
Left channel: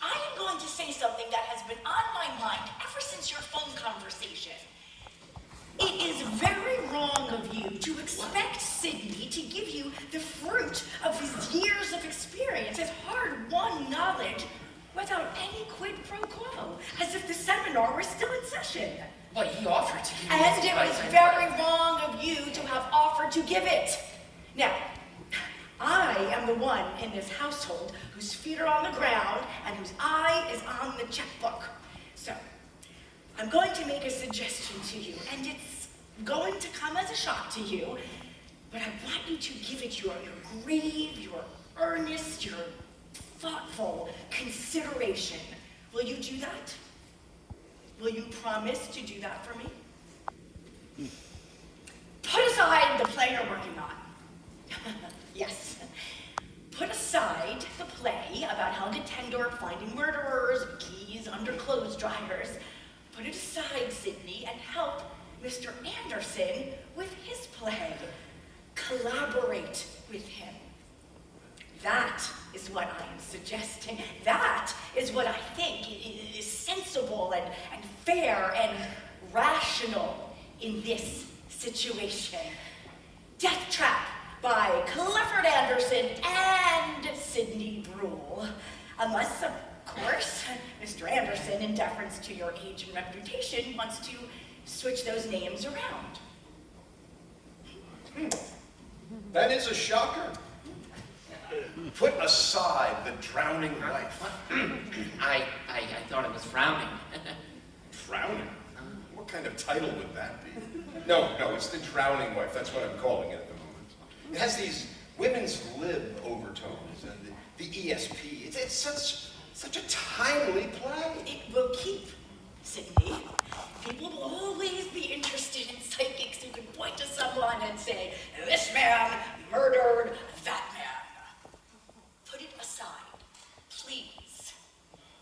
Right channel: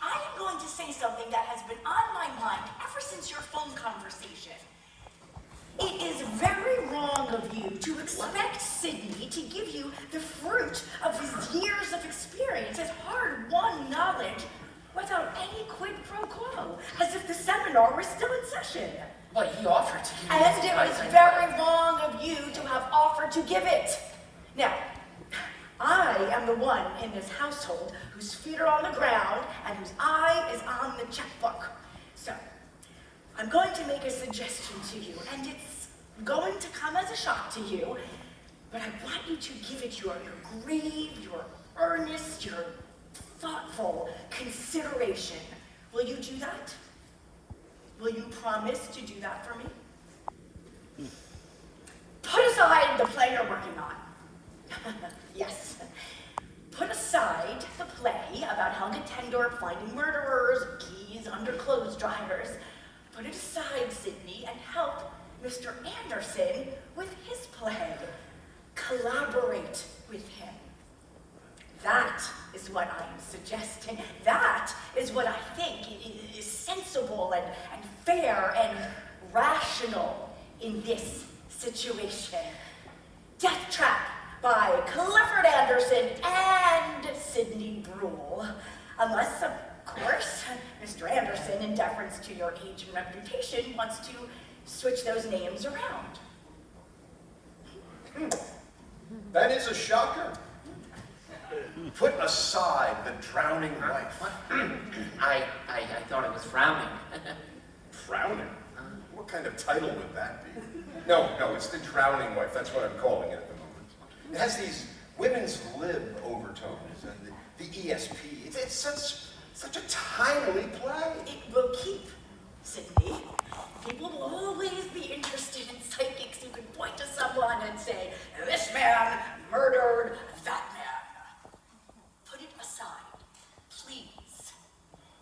I am going to say something that has been on my mind ever since your phone conversation. It is very wrong of you to expect Sydney to give you the fruit of his years of experience, his hard-won knowledge, without any quid pro quo, as if the seminar were still in session. But he offered to give me And his it advice was anyway. very wrong of you to have offered to give it. Now, I am the one in this household whose feet are on the ground and whose eye is on the checkbook. So, I'm going to make a suggestion to you, and it's going to come as a shock to you, but I want you to give it your grave, your earnest, your thoughtful consideration. Will you do that? Will you promise to do that for me? Put aside the play you're working on. Yes. Put aside the play about Helga Tendorf finding murderers, keys under clothes dryers. Put it aside, Sydney, and help Mr. Anderson with his play. Collaborate with him. That is what I am suggesting. That is what I think is sensible and fair and rational in this situation. Deathtrap by Clifford Anderson and Sidney Brule. Unless, of course, Mr. Anderson, in deference to your age and reputation, wants to switch those names around. That is a shocker. Put aside the drowning wife. I thought it was frowning. Drowning? What kind of title would that be? No, it's the drowning wife. That's what I'm calling it at the moment. It has these women's lib overtones and the ESP. It's such a timely play. It will keep, Sydney. People will always be interested in psychics who can point to someone and say, this man murdered that man. Put it aside, please.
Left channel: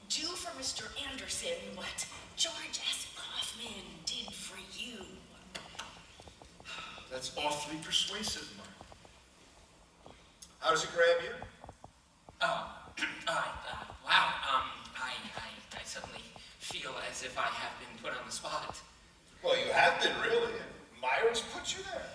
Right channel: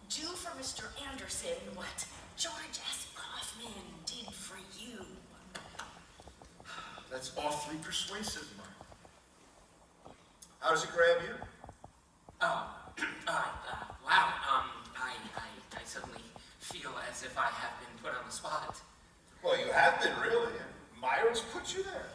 Do for Mr. Anderson what George S. Kaufman did for you. That's awfully persuasive, Mark. How does it grab you? Oh, wow. I suddenly feel as if I have been put on the spot. Well, you have been, really. Myron's put you there.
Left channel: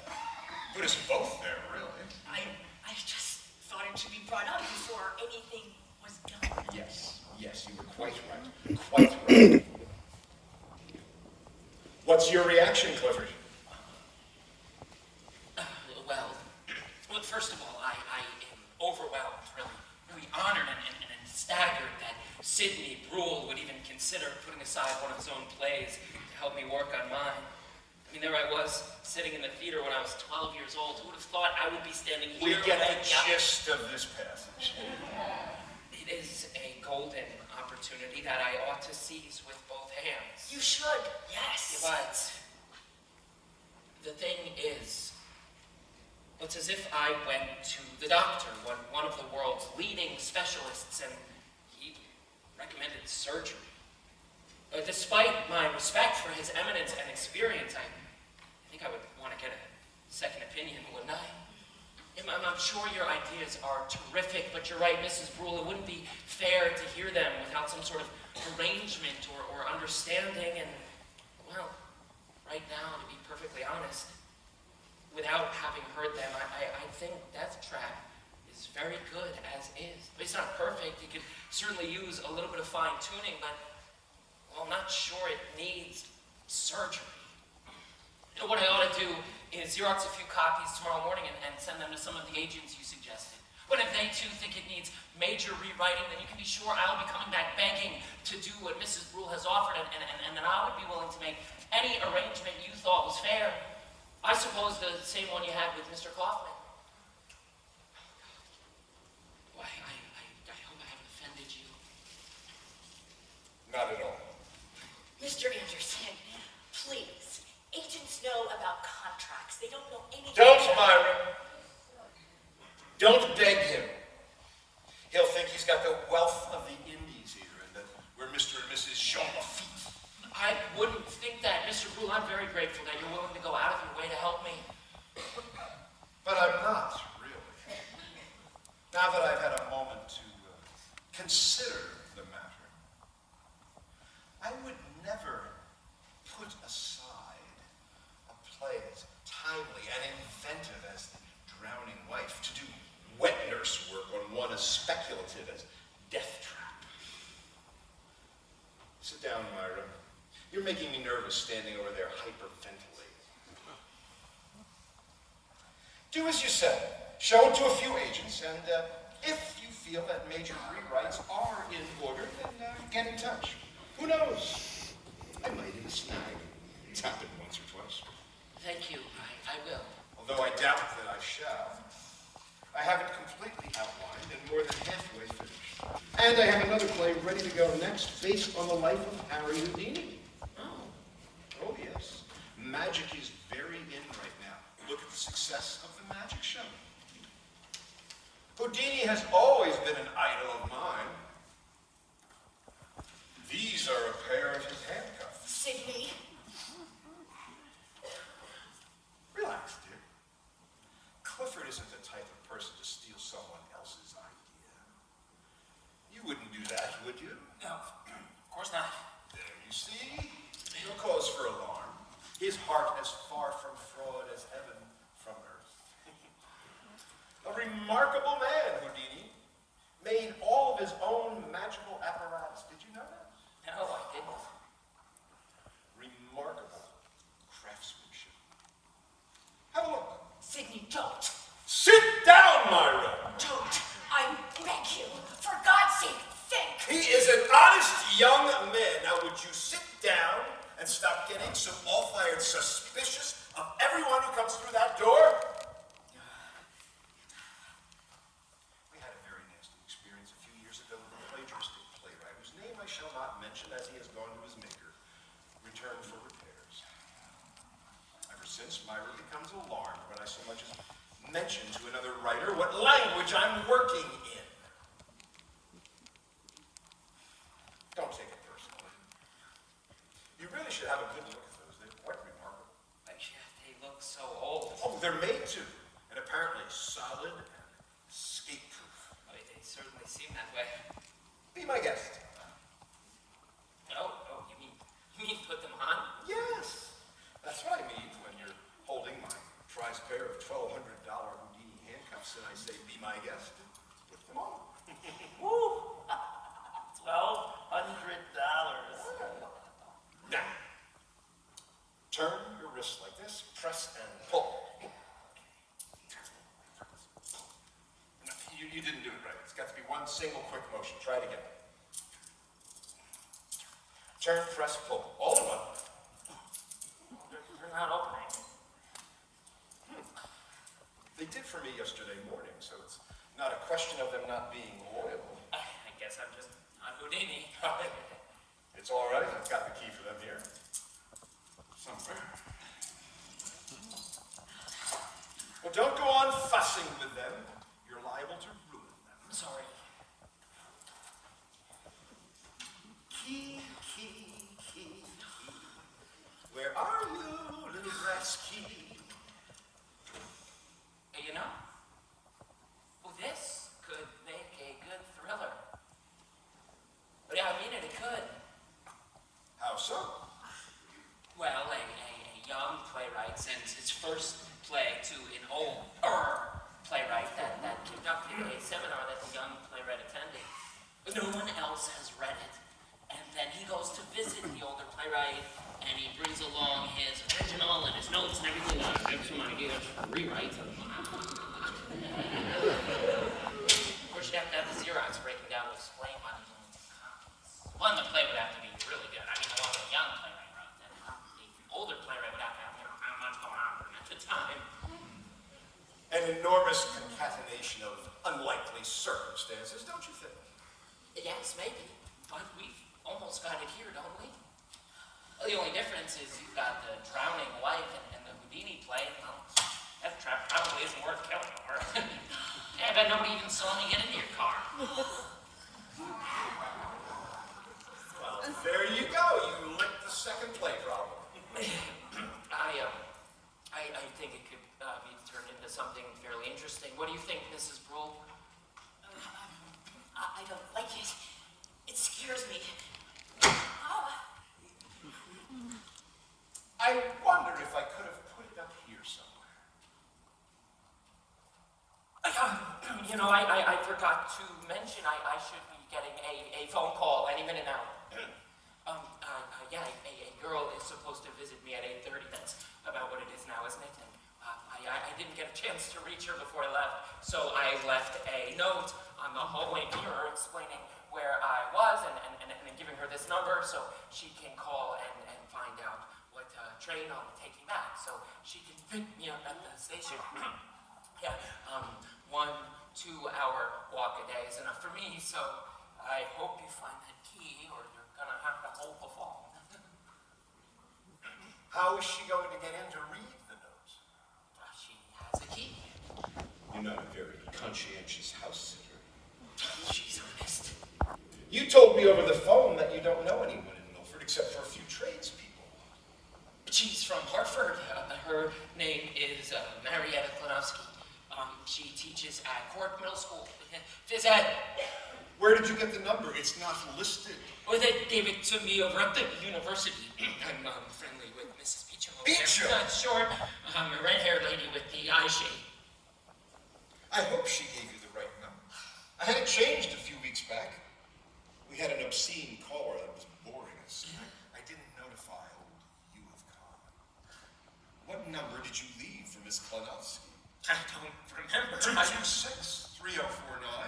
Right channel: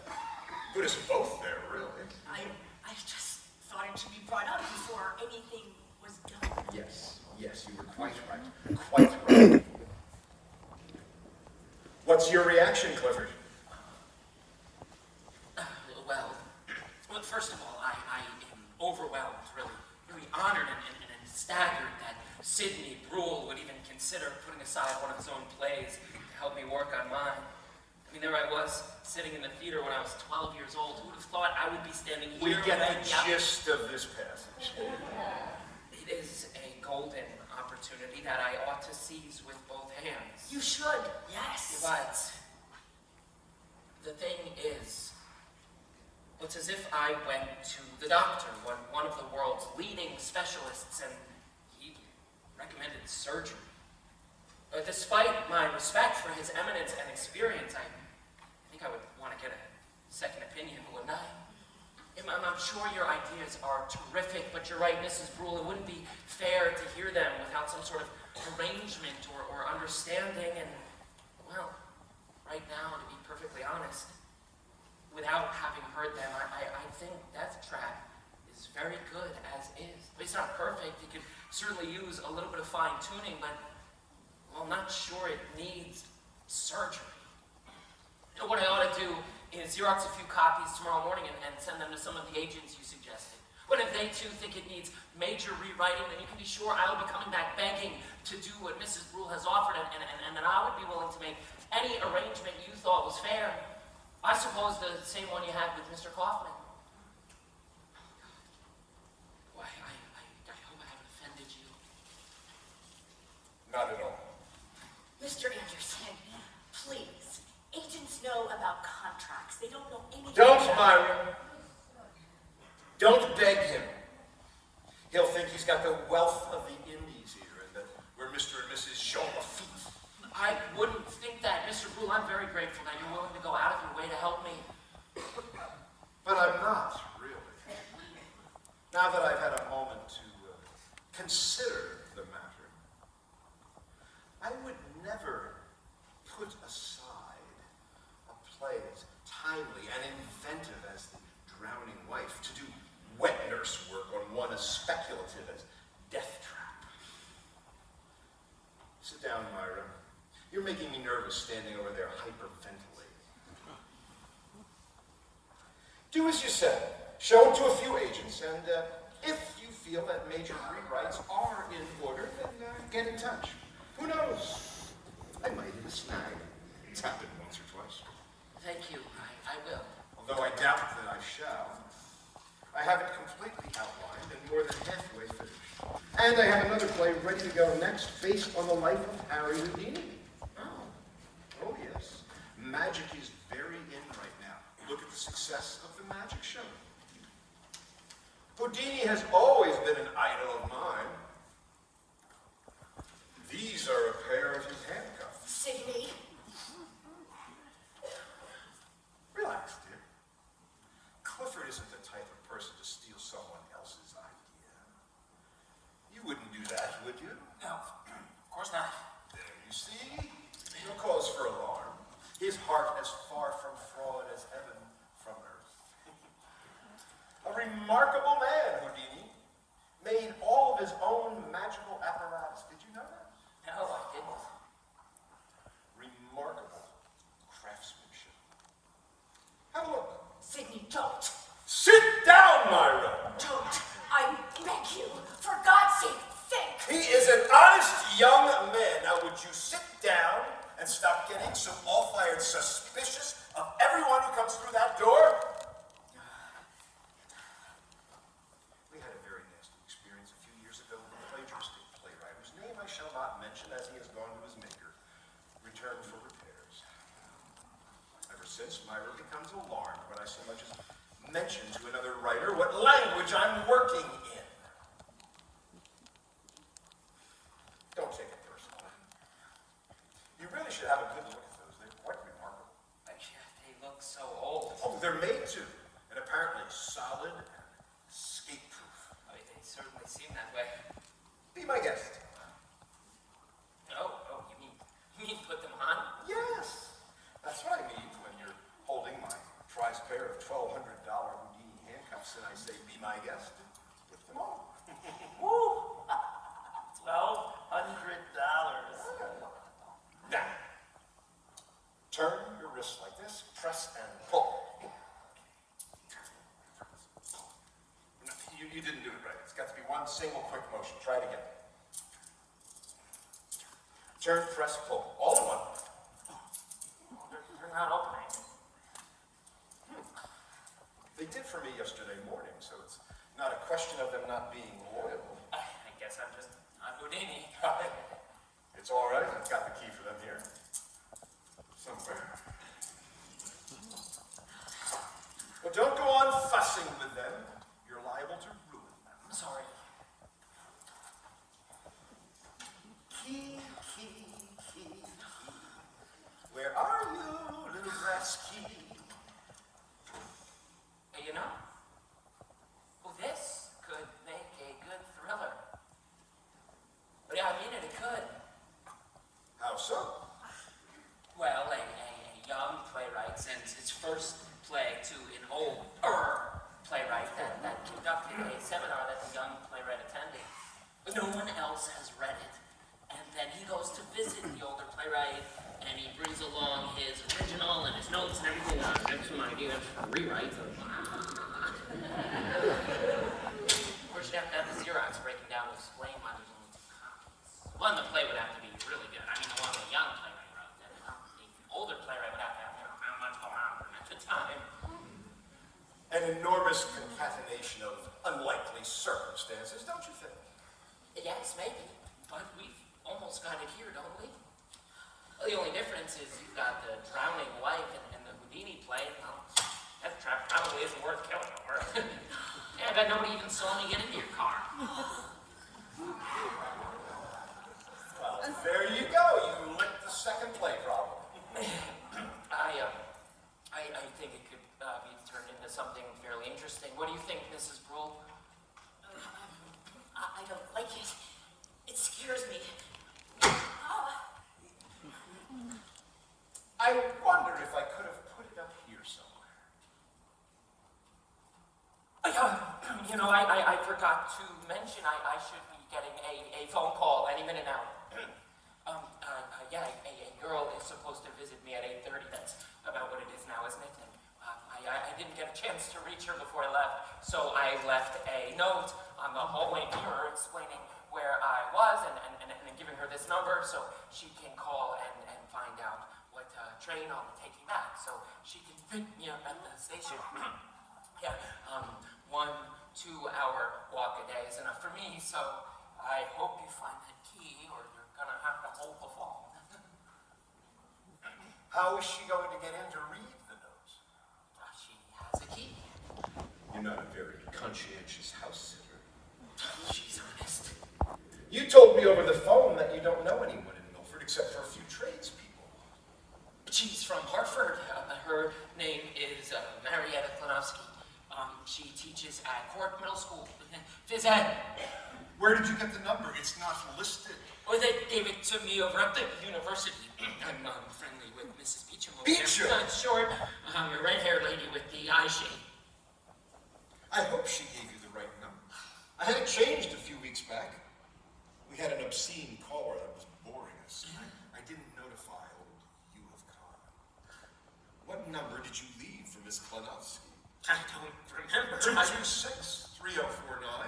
Put us both there, really. I just thought it should be brought up before anything was done. Yes, you were quite right. Quite right. What's your reaction, Clifford? Well, first of all, I am overwhelmed, really honored and staggered that Sidney Brule would even consider putting aside one of his own plays to help me work on mine. I mean, there I was, sitting in the theater when I was 12 years old. Who would have thought I would be standing We here? get the gist of this passage. It is a golden opportunity that I ought to seize with both hands. You should, yes. But the thing is, it's as if I went to the doctor, one of the world's leading specialists, and he recommended surgery. But despite my respect for his eminence and experience, I think I would want to get a second opinion, wouldn't I? I'm sure your ideas are terrific, but you're right, Mrs. Brule, it wouldn't be fair to hear them without some sort of arrangement or understanding, and, well, right now, to be perfectly honest, without having heard them, I think Deathtrap is very good as is. I mean, it's not perfect. You could certainly use a little bit of fine-tuning, but I'm not sure it needs surgery. You know, what I ought to do is Xerox a few copies tomorrow morning and send them to some of the agents you suggested. But if they too think it needs major rewriting, then you can be sure I'll be coming back begging to do what Mrs. Brule has offered, and then I would be willing to make any arrangement you thought was fair. I suppose the same one you had with Mr. Kaufman. Why, I hope I haven't offended you. Not at all. Mr. Anderson, please. Agents know about contracts. tracks. They don't know anything. Don't, about- Myra. Don't beg him. He'll think he's got the wealth of the Indies here, and that we're Mr. and Mrs. Jean Lafitte. I wouldn't think that, Mr. Poole. I'm very grateful that you're willing to go out of your way to help me. But I'm not, really. Now that I've had a moment to consider the matter, I would never put aside a play as timely and inventive as The Drowning Wife to do wet nurse work on one as speculative as Deathtrap. Sit down, Myra. You're making me nervous standing over there hyperventilating. Do as you said. Show it to a few agents, and if you feel that major rewrites are in order, then get in touch. Who knows? I might hit a snag. It's happened once or twice. Thank you. I will. Although I doubt that I shall. I have it completely outlined and more than halfway finished. And I have another play ready to go next, based on the life of Harry Houdini. Oh, yes. Magic is very in right now. Look at the success of the magic show. Houdini has always been an idol of mine. These are a pair of his handcuffs. Sydney. Relax, dear. Clifford isn't the type of person to steal someone else's idea. You wouldn't do that, would you? No, of course not. There you see. No cause for alarm. His heart as far from fraud as heaven from earth. A remarkable man, Houdini. Made all of his own magical apparatus. Did you know that? No, I didn't. Remarkable craftsmanship. Have a look. Sydney, don't. Sit down, Myra. Don't. I beg you. For God's sake, think. He is an honest young man. Now, would you sit down and stop getting so all-fired suspicious of everyone who comes through that door? We had a very nasty experience a few years ago with a plagiaristic playwright whose name I shall not mention as he has gone to his maker, returned for repairs. Ever since, Myra becomes alarmed when I so much as mention to another writer what language I'm working in. Don't take it personally. You really should have a good look at those. They're quite remarkable. They look so old. Oh, they're made to, and apparently solid and escape-proof. They certainly seem that way. Be my guest. Oh, you mean put them on? Yes, that's what I mean when you're holding my prized pair of $1,200 Houdini handcuffs and I say, be my guest. Put them on. Woo! $1,200. Now, turn your wrists like this, press and pull. You didn't do it right. It's got to be one single quick motion. Try it again. Turn, press, pull. All in one. They're not opening. They did for me yesterday morning, so it's not a question of them not being loyal. I guess I'm Houdini. It's all right. I've got the key for them here. Somewhere. But don't go on fussing with them. You're liable to ruin them. Sorry. Key, key, key, key. Where are you, little brass key? You know, this could make a good thriller. But yeah, I mean it could. How so? Well, a young playwright sends his first play to an older playwright that conducted a seminar that the young playwright attended. But no one else has read it. And then he goes to visit the older playwright, and he brings along his original and his notes and everything. I have some ideas for rewrites. Of course, you'd have to have the Xerox breaking down to explain why there's only 2 copies. One, the play would have to be really good. I mean, the one the young playwright wrote. And the older playwright would have to have how much going on for him at the time. An enormous concatenation of unlikely circumstances, don't you think? Yes, maybe. But we've almost got it here, don't we? Well, the only difference is you've got the drowning wife and the Houdini play, well, Deathtrap probably isn't worth killing over. Yeah, I bet nobody even saw me get into your car. Well, there you go. You licked the second play problem. I think it could be turned into something fairly interesting. What do you think, Mrs. Brule? I don't like it. It scares me. I wonder if I could have put it up here somewhere. I forgot to mention I should be getting a phone call any minute now. A girl is supposed to visit me at 8:30. That's about what it is now, isn't it? And I didn't get a chance to reach her before I left, so I left a note on the hallway mirror explaining where I was and giving her this number so she can call and find out what train I'll be taking back, so she can pick me up at the station. 1-2 hour walk a day is enough for me, so I hope you find that key or you're gonna have to hold the phone. How is she going to get in to read the notes? She has a key. You're not a very conscientious house sitter. She's honest. You told me over the phone that you don't know anyone in Milford except for a few tradespeople. She's from Hartford. Her name is Marietta Klanowski. She teaches at Cork Middle School. Phys ed. Where did you get the number? It's not listed. Well, they gave it to me over at the university. I'm friendly with Mrs. Beecham over Beecham? there. Short, a red-haired lady with the eye shade. I hope she gave you the right number. I had it changed a few weeks back. We had an obscene caller that was boring us. I didn't notify old U of Con. What number did you leave for Miss Klanowski? I don't remember. 226-3049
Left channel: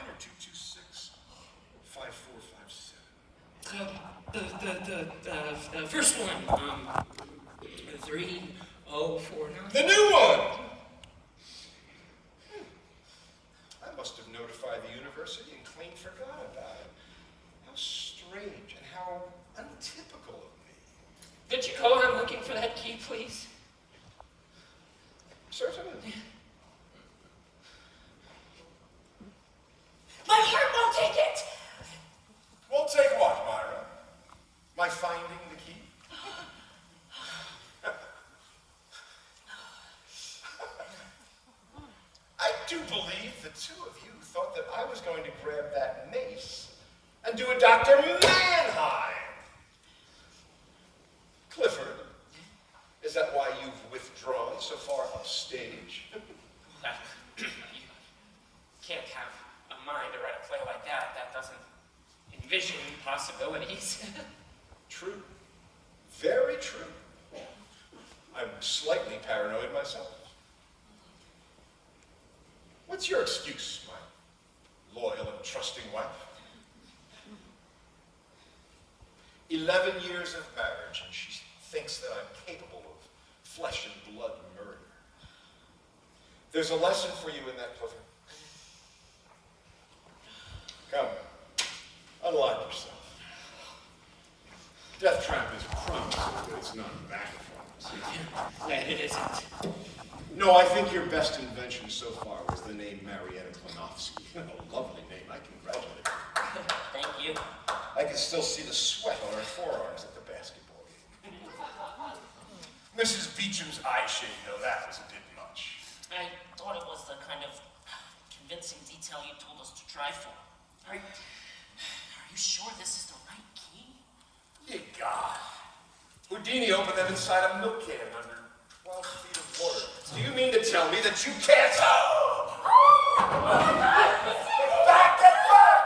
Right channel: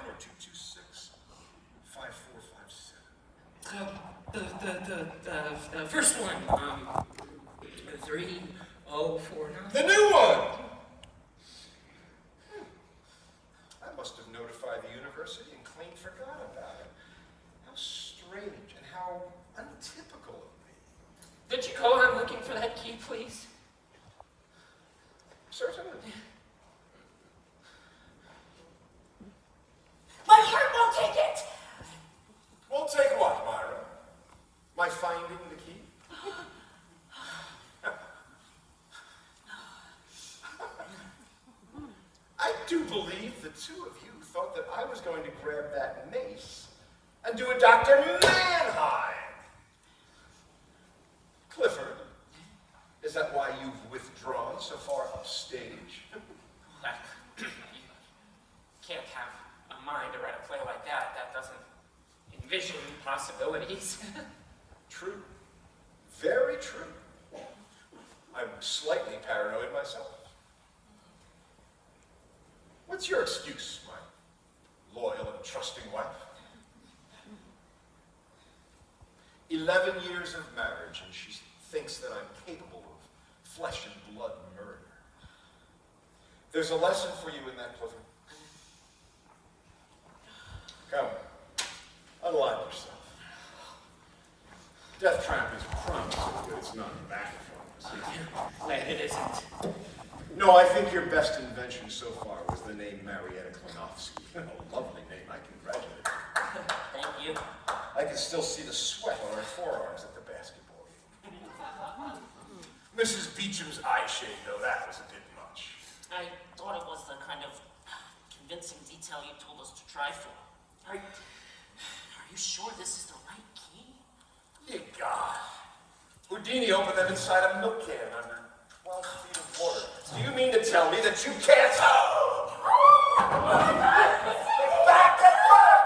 or 226-5457. The first one, 3049. The new one! I must have notified the university and clean forgot about it. How strange and how untypical of me. Could you go on looking for that key, please? Certainly. My heart won't take it. We'll take what, Myra? My finding the key? I do believe the two of you thought that I was going to grab that mace and do a Dr. Mannheim. Clifford, is that why you've withdrawn so far upstage? You can't have a mind to write a play like that. That doesn't envision possibilities. True. Very true. I'm slightly paranoid myself. What's your excuse, my loyal and trusting wife? 11 years of marriage, and she thinks that I'm capable of flesh and blood murder. There's a lesson for you in that, Clifford. Come, unlock yourself. Deathtrap is a promise, but it's not a back promise. It isn't. No, I think your best invention so far was the name Marietta Klanowski. A lovely name. I congratulate you. Thank you. I can still see the sweat on her forearms at the basketball game. Mrs. Beecham's eye shade, though, that was a bit much. I thought it was the kind of convincing detail you told us to try for. Are you sure this is the right key? Ye God. Houdini opened them inside a milk can under 12 feet of water. Do you mean to tell me that you can't... Back at work!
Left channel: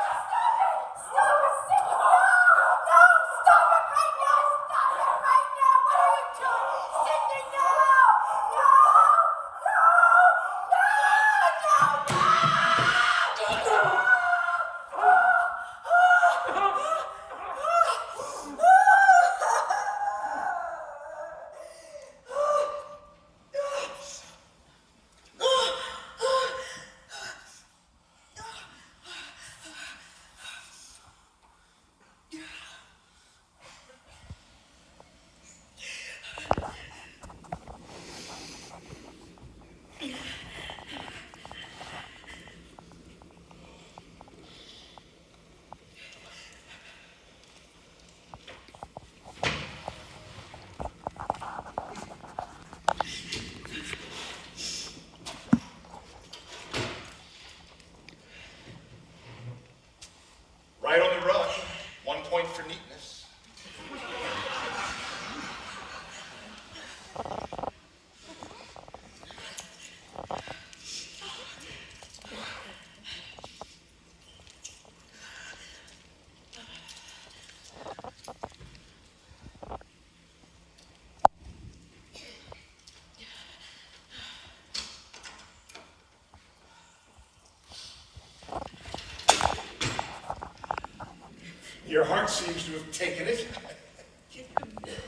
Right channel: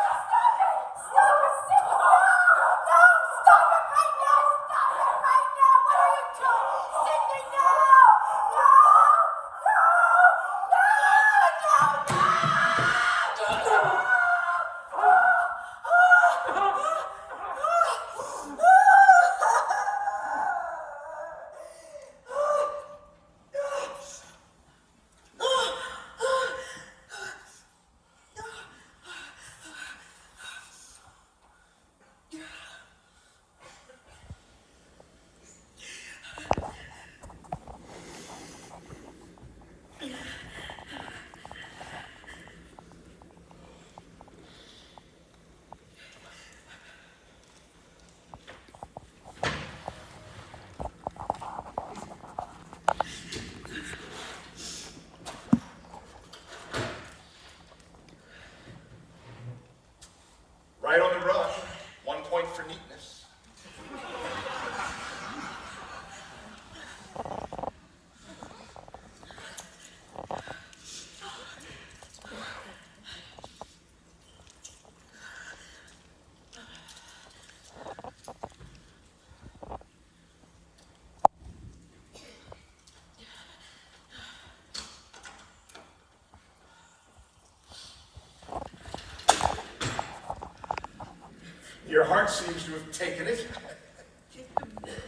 Your heart seems to have taken it.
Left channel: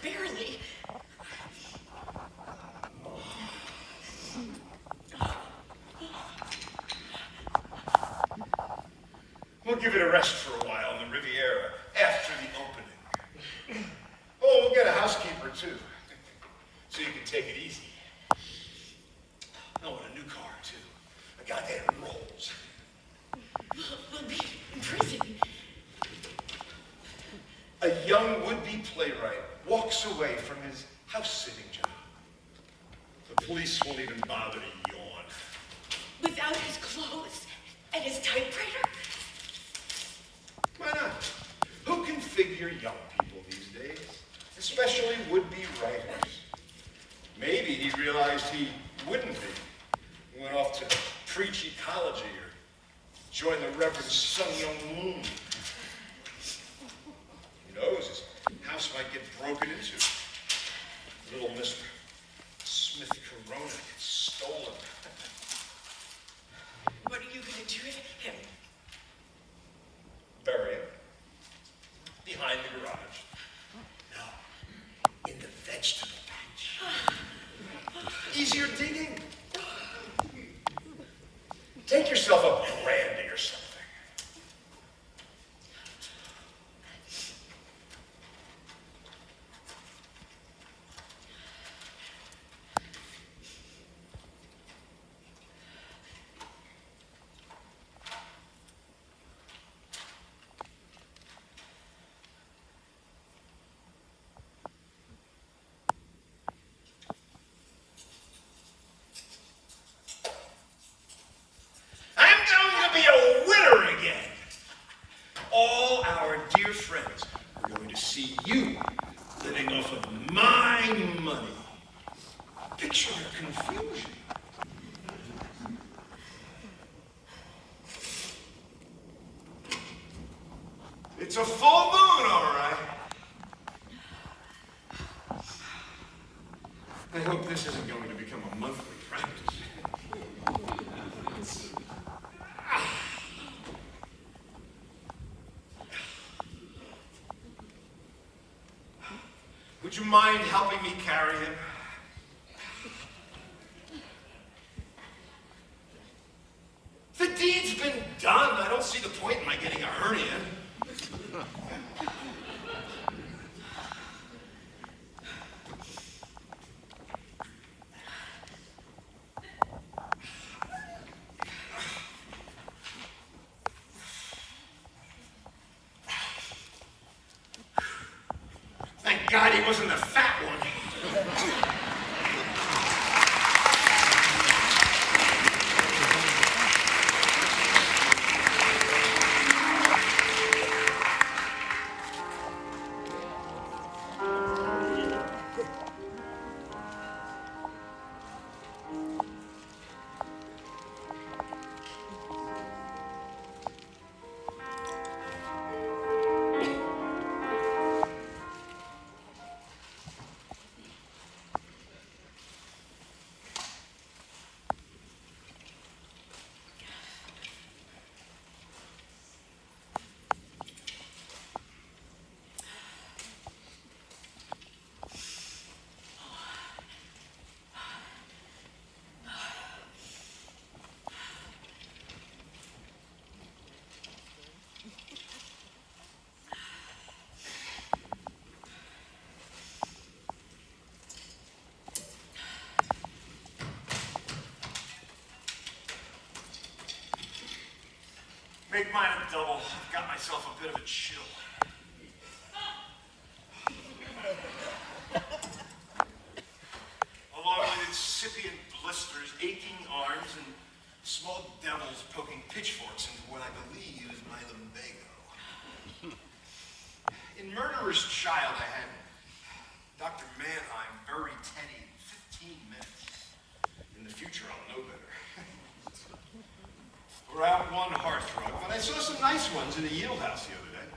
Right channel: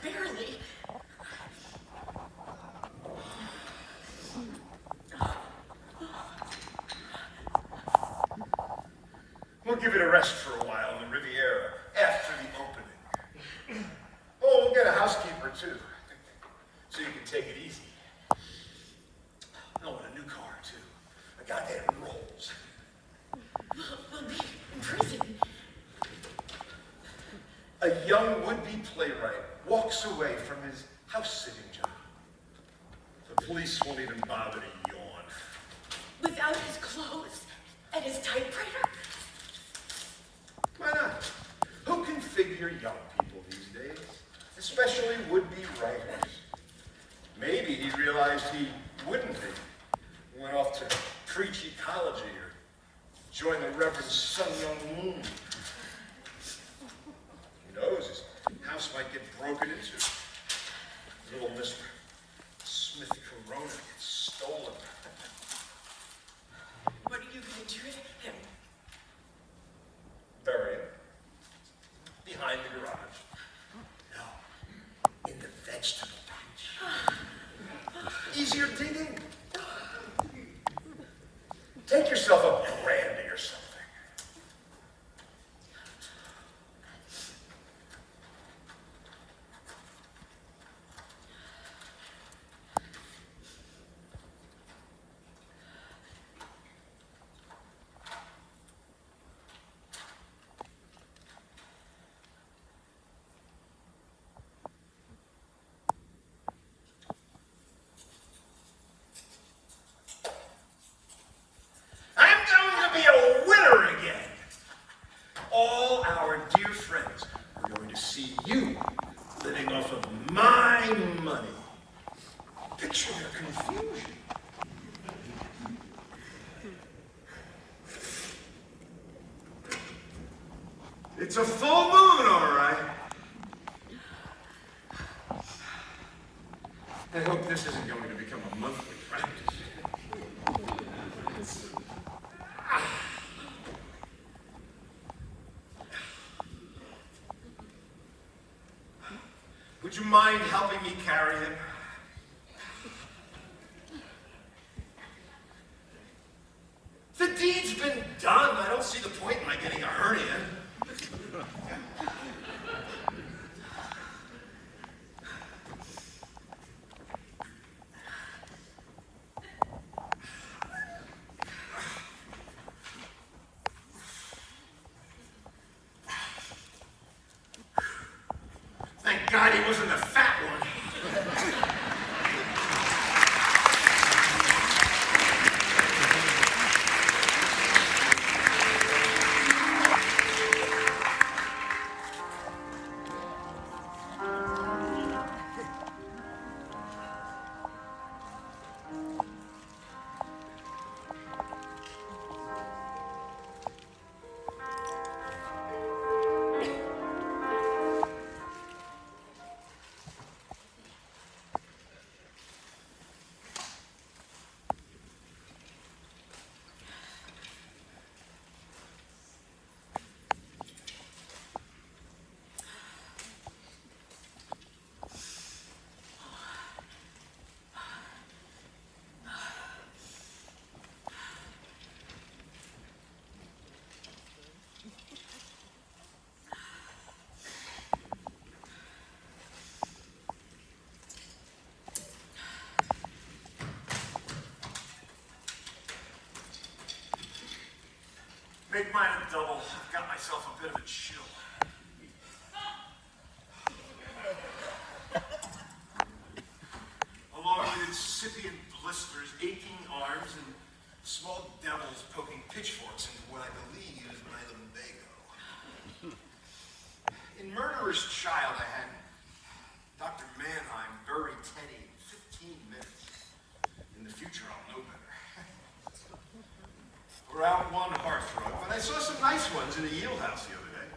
Barely. We'll give it a rest for a while in the Riviera after the opening. Oh, we'll get a housekeeper too, so you can take it easy. I want a new car too. A goddamn Rolls. We'll be in prison. A young would-be playwright walks away from his house-sitting job. The police won't even bother to yawn. Without his clothes and his typewriter? Why not? Who can figure young people these days? Especially would-be writers. Maybe he realized he wouldn't be. Went off to preach ecology or join the Reverend Sun Myung Moon. Who knows? His house might get broken into. Little Miss Smith Corona gets stolen. What are you going to do with him? Bury him. Behind the garage. No. In the vegetable patch. Easier digging. Take yourself a brandy or something. You living off of my money. Picture your confusion. It's a full moon, all right. I hope this isn't going to become a monthly practice. Would you mind helping me carry him? The deed's been done. I don't see the point in my getting a hernia. Thank God he wasn't a fat one. Make mine a double. I've got myself a bit of a chill. Along with incipient blisters, aching arms, and small devils poking pitchforks into what I believe is my lumbago. In Murderer's Child, I had Dr. Mannheim bury Teddy in 15 minutes. In the future, I'll know better. We're out one hearthrug, but I saw some nice ones in the Yale house the other day.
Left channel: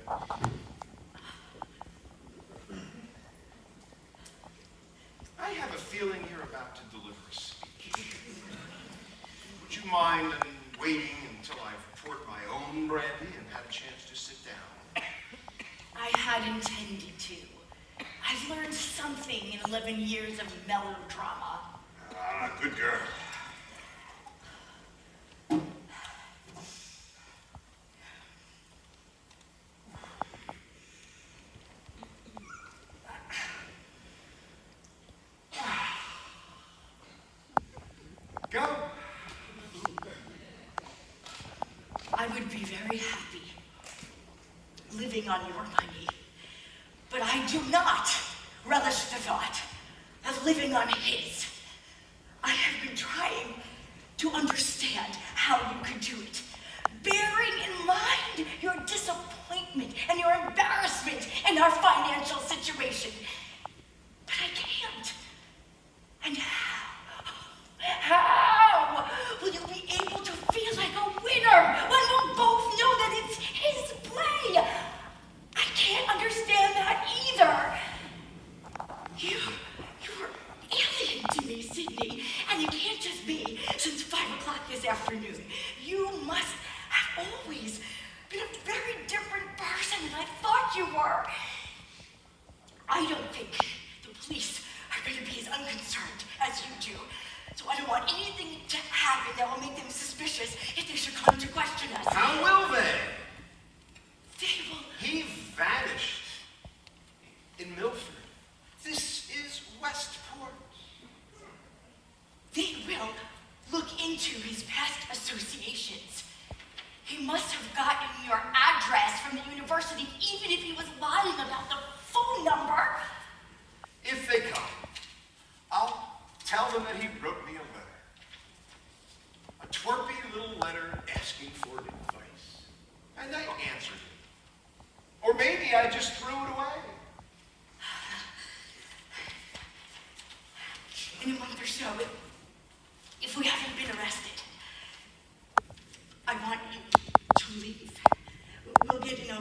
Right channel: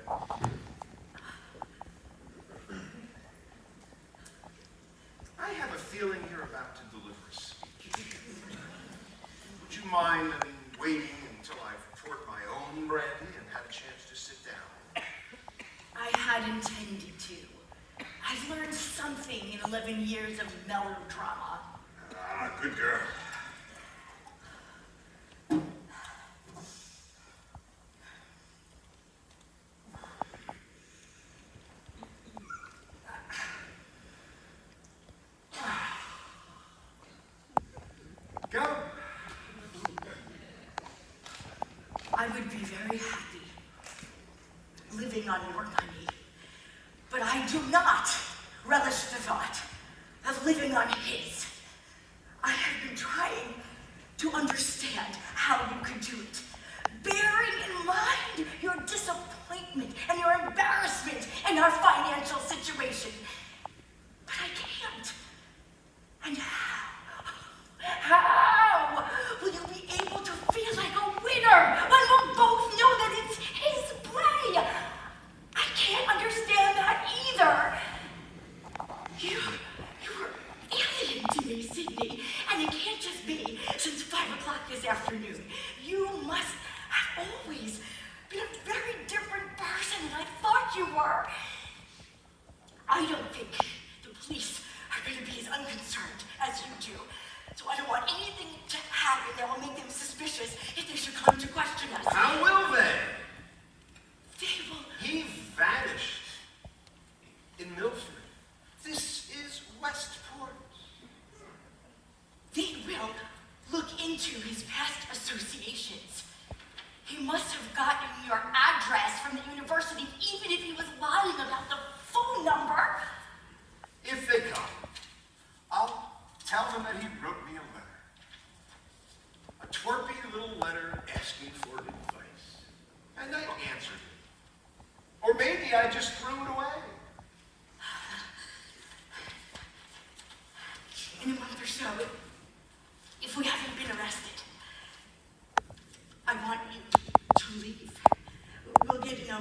I have a feeling you're about to deliver a speech. Would you mind waiting until I've poured my own brandy and had a chance to sit down? had intended to. I've learned something in 11 years of melodrama. Ah, good girl. Go. I would be very happy living on your money, but I do not relish the thought of living on his. I have been trying to understand how you could do it, bearing in mind your disappointment and your embarrassment in our financial situation. But I can't. And how will you be able to feel like a winner when we'll both know that it's his play? I can't understand that either. You're alien to me, Sydney, and it can't just be since 5 o'clock this afternoon. You must have always been a very different person than I thought you were. I don't think the police are going to be as unconcerned as you do. So I don't want anything to happen that will make them suspicious if they should come to question us. How will they? They will. He vanished in Milford. This is Westport. They will look into his past associations. He must have gotten your address from the university, even if he was lying about the phone number. If they come, I'll tell them that he wrote me a letter. A twerpy little letter asking for advice. And I answered it. Or maybe I just threw it away. In a month or so, if we haven't been arrested, I want you to leave. We'll get in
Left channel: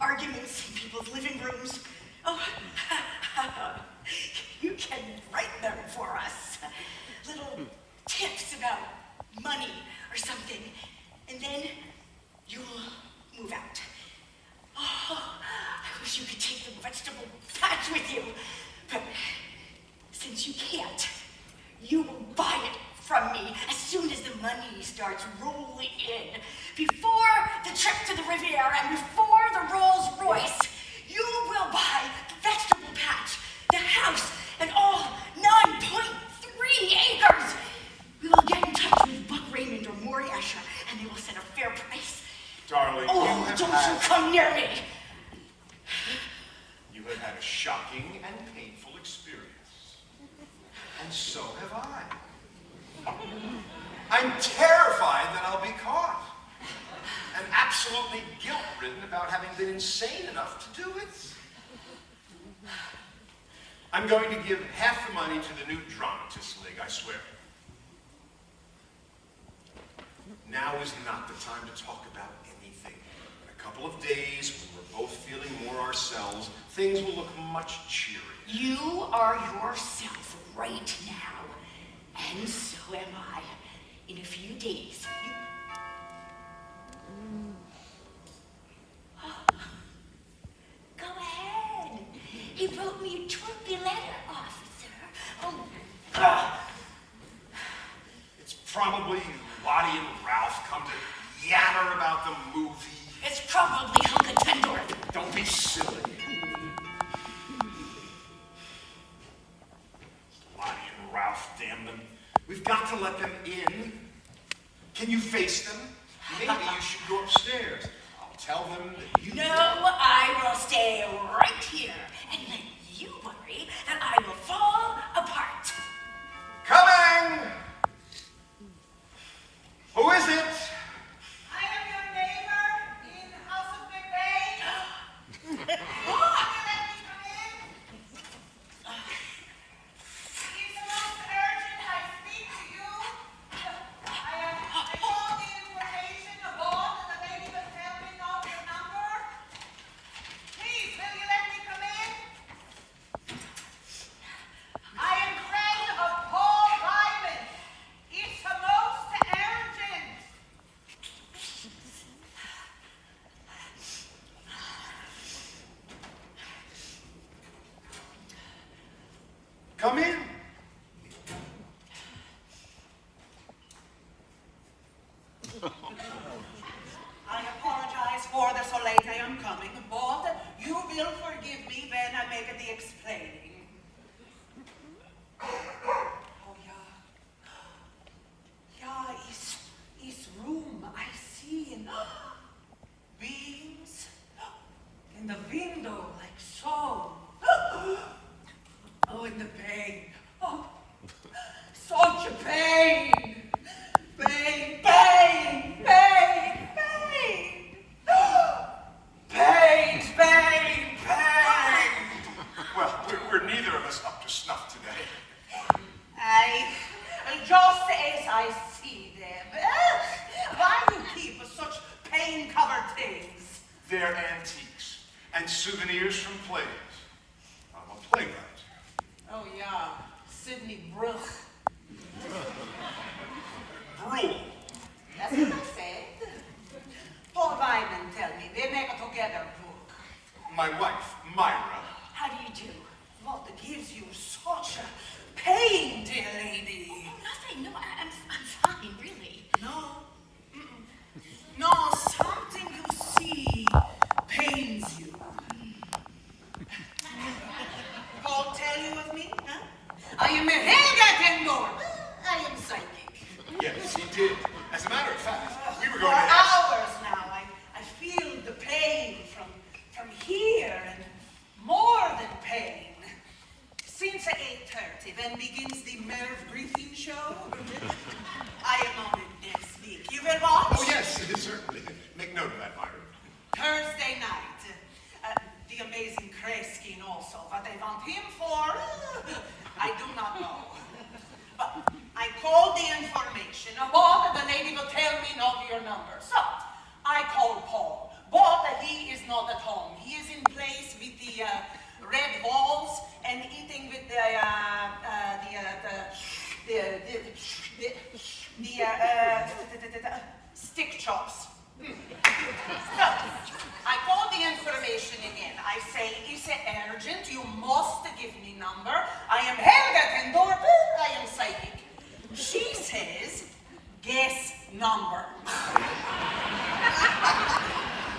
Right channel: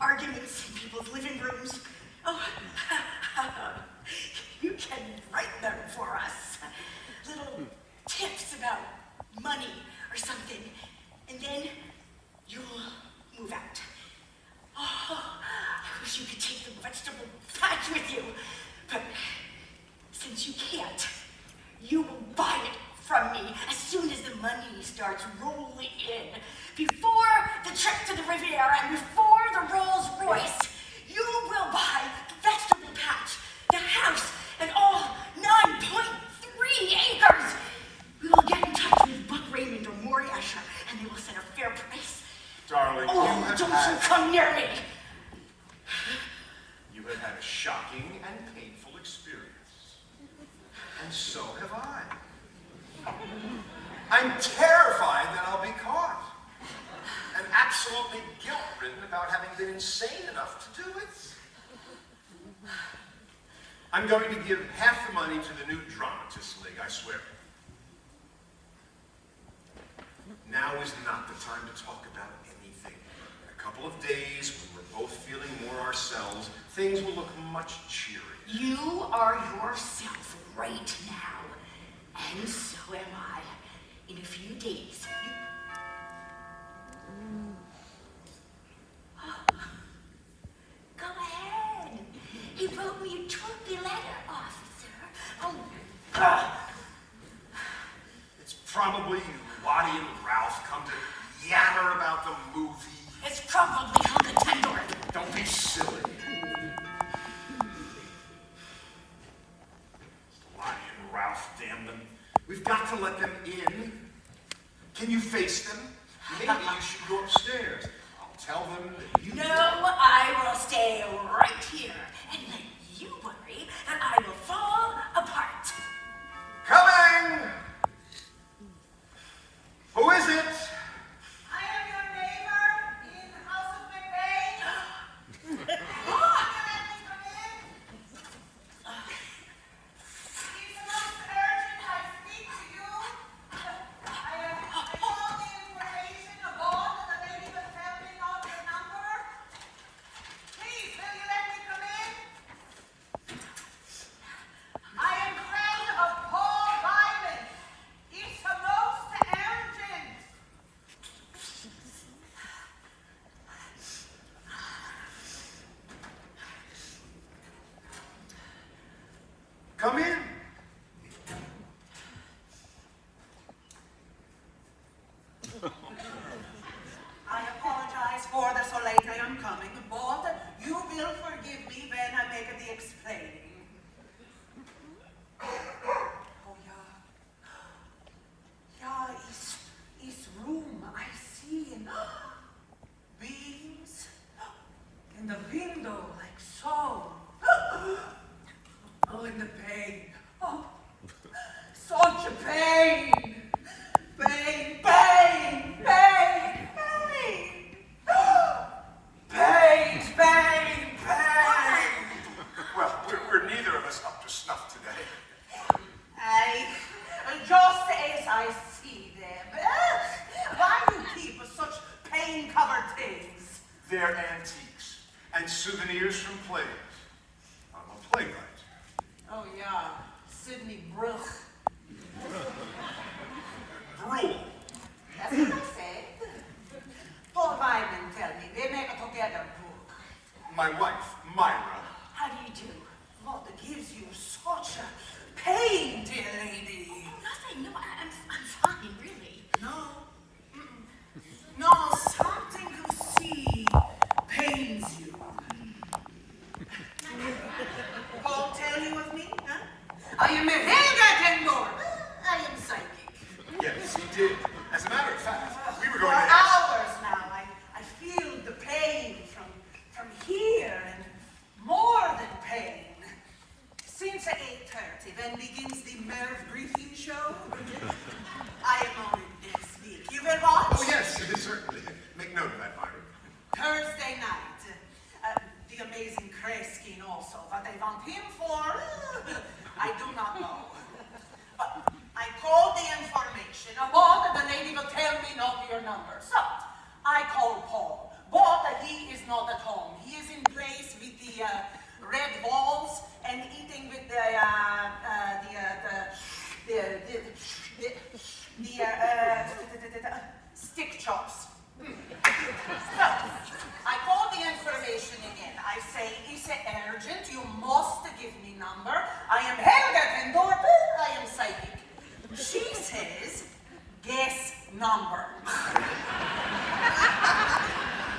arguments in people's living rooms. Oh, you can write them for us. Little tips about money or something. And then you'll move out. Oh, I wish you could take the vegetable patch with you. But since you can't, you will buy it from me as soon as the money starts rolling in. Before the trip to the Riviera and before the Rolls Royce, you will buy the vegetable patch, the house, and all 9.3 acres. We will get in touch with Buck Raymond or Maury Escher, and they will set a fair price. Darling, Oh, don't you come near me. You have had a shocking and painful experience. And so have I. I'm terrified that I'll be caught. And absolutely guilt-ridden about having been insane enough to do it. I'm going to give half the money to the new Dramatists League, I swear. Now is not the time to talk about anything. In a couple of days, when we're both feeling more ourselves, things will look much cheerier. You are yourself right now, and so am I. In a few days, Go ahead. He wrote me a trophy letter, officer. Oh, It's probably Lottie and Ralph come to yammer about the movie. it's probably Helga Tendorf. Don't be silly. Lottie and Ralph, damn them. We've got to let them in. Can you face them? Maybe you should go upstairs. I'll tell them that you... No, I will stay right here and let you worry that I will fall apart. Coming! Who is it? I am your neighbor in the House of McBain. Will you let me come in? It is most urgent I speak to you. I called the information of all that the lady was helping on the number. Please, will you let me come in? Come in. I apologize for the so late I am coming, but you will forgive me when I make the explaining. Oh, yeah, is room I see in beams in the window like so. Oh, in the pain. Oh, such a pain. Pain, pain, pain, pain. Pain, pain, pain. Well, we're neither of us up to snuff today. I, just as I see them. Why do you keep such pain-covered things? They're antiques and souvenirs from plays. I'm a playwright. Oh, yeah, Sidney Bruch. Brule. That's what I said. Paul Wyman tell me they make a together book. My wife, Myra. How do you do? What gives you such a pain, dear lady? Oh, nothing. No, I'm fine, really. No. No, something you see pains you. Paul tell you of me, huh? I am a Helga Tenor. I am psychic. Yes, he did. As a matter of fact, we were For going to ask. hours now, I feel the pain from here and more than pain. Since 8:30, when begins the Merv Griffin show, I am on it next week. You will watch? Oh, yes, certainly. Make note of that, Myra. Thursday night. The amazing Kreskin also. What they want him for, I do not know. But I called the information, but the lady will tell me not your number. So I called Paul, but he is not at home. He is in place with the red walls and eating with the stick chops. So, I called the information again. I say, it's urgent. You must give me number. I am Helga Tendor. I am psychic. She says, guess number.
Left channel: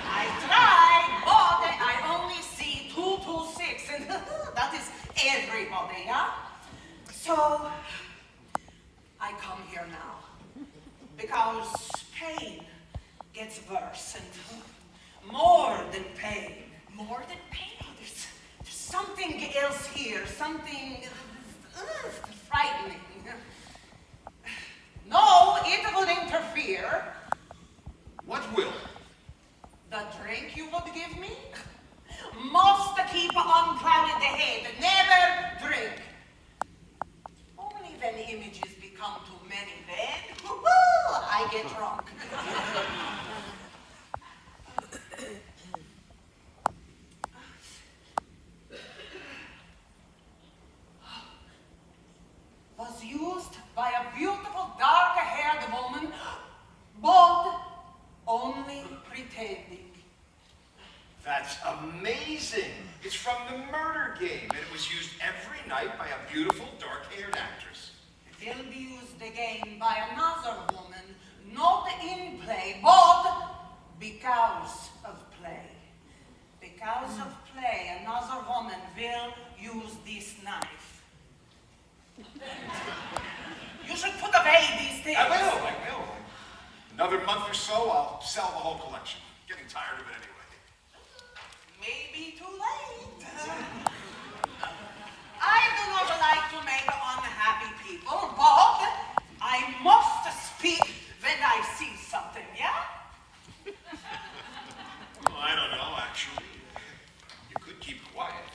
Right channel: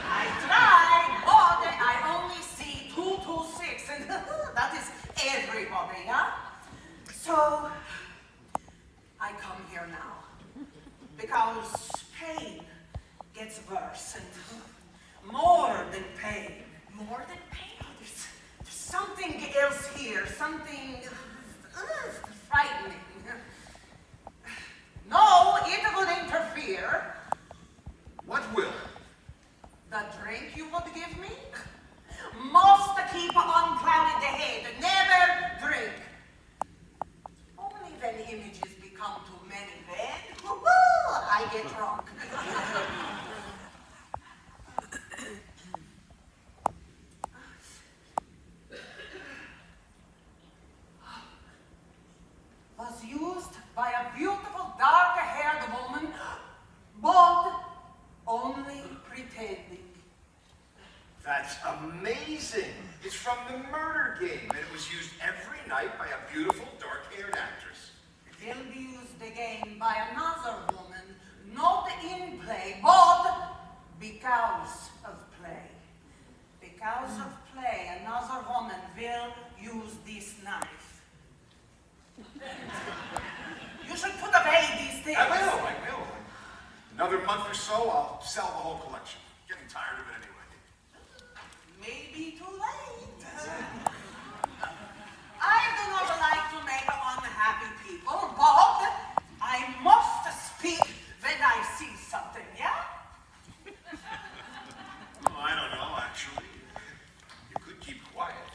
I tried, but I only see 226, and that is everybody, yeah? So, I come here now because pain gets worse and more than pain. More than pain? There's something else here, something frightening. No, it would interfere. What will? The drink you would give me? Must keep unclouded the head, never drink. Only when images become too many, then I get drunk. Was used by a beautiful dark-haired woman, but only pretending. That's amazing. It's from the murder game, and it was used every night by a beautiful dark-haired actress. Will be used again by another woman, not in play, but because of play. Because of play, another woman will use this knife. You should put away these things. I will. Another month or so, I'll sell the whole collection. Getting tired of it anyway. Maybe too late. I do not like to make unhappy people, but I must speak when I see something, yeah? Well, I don't know, actually. You could keep quiet.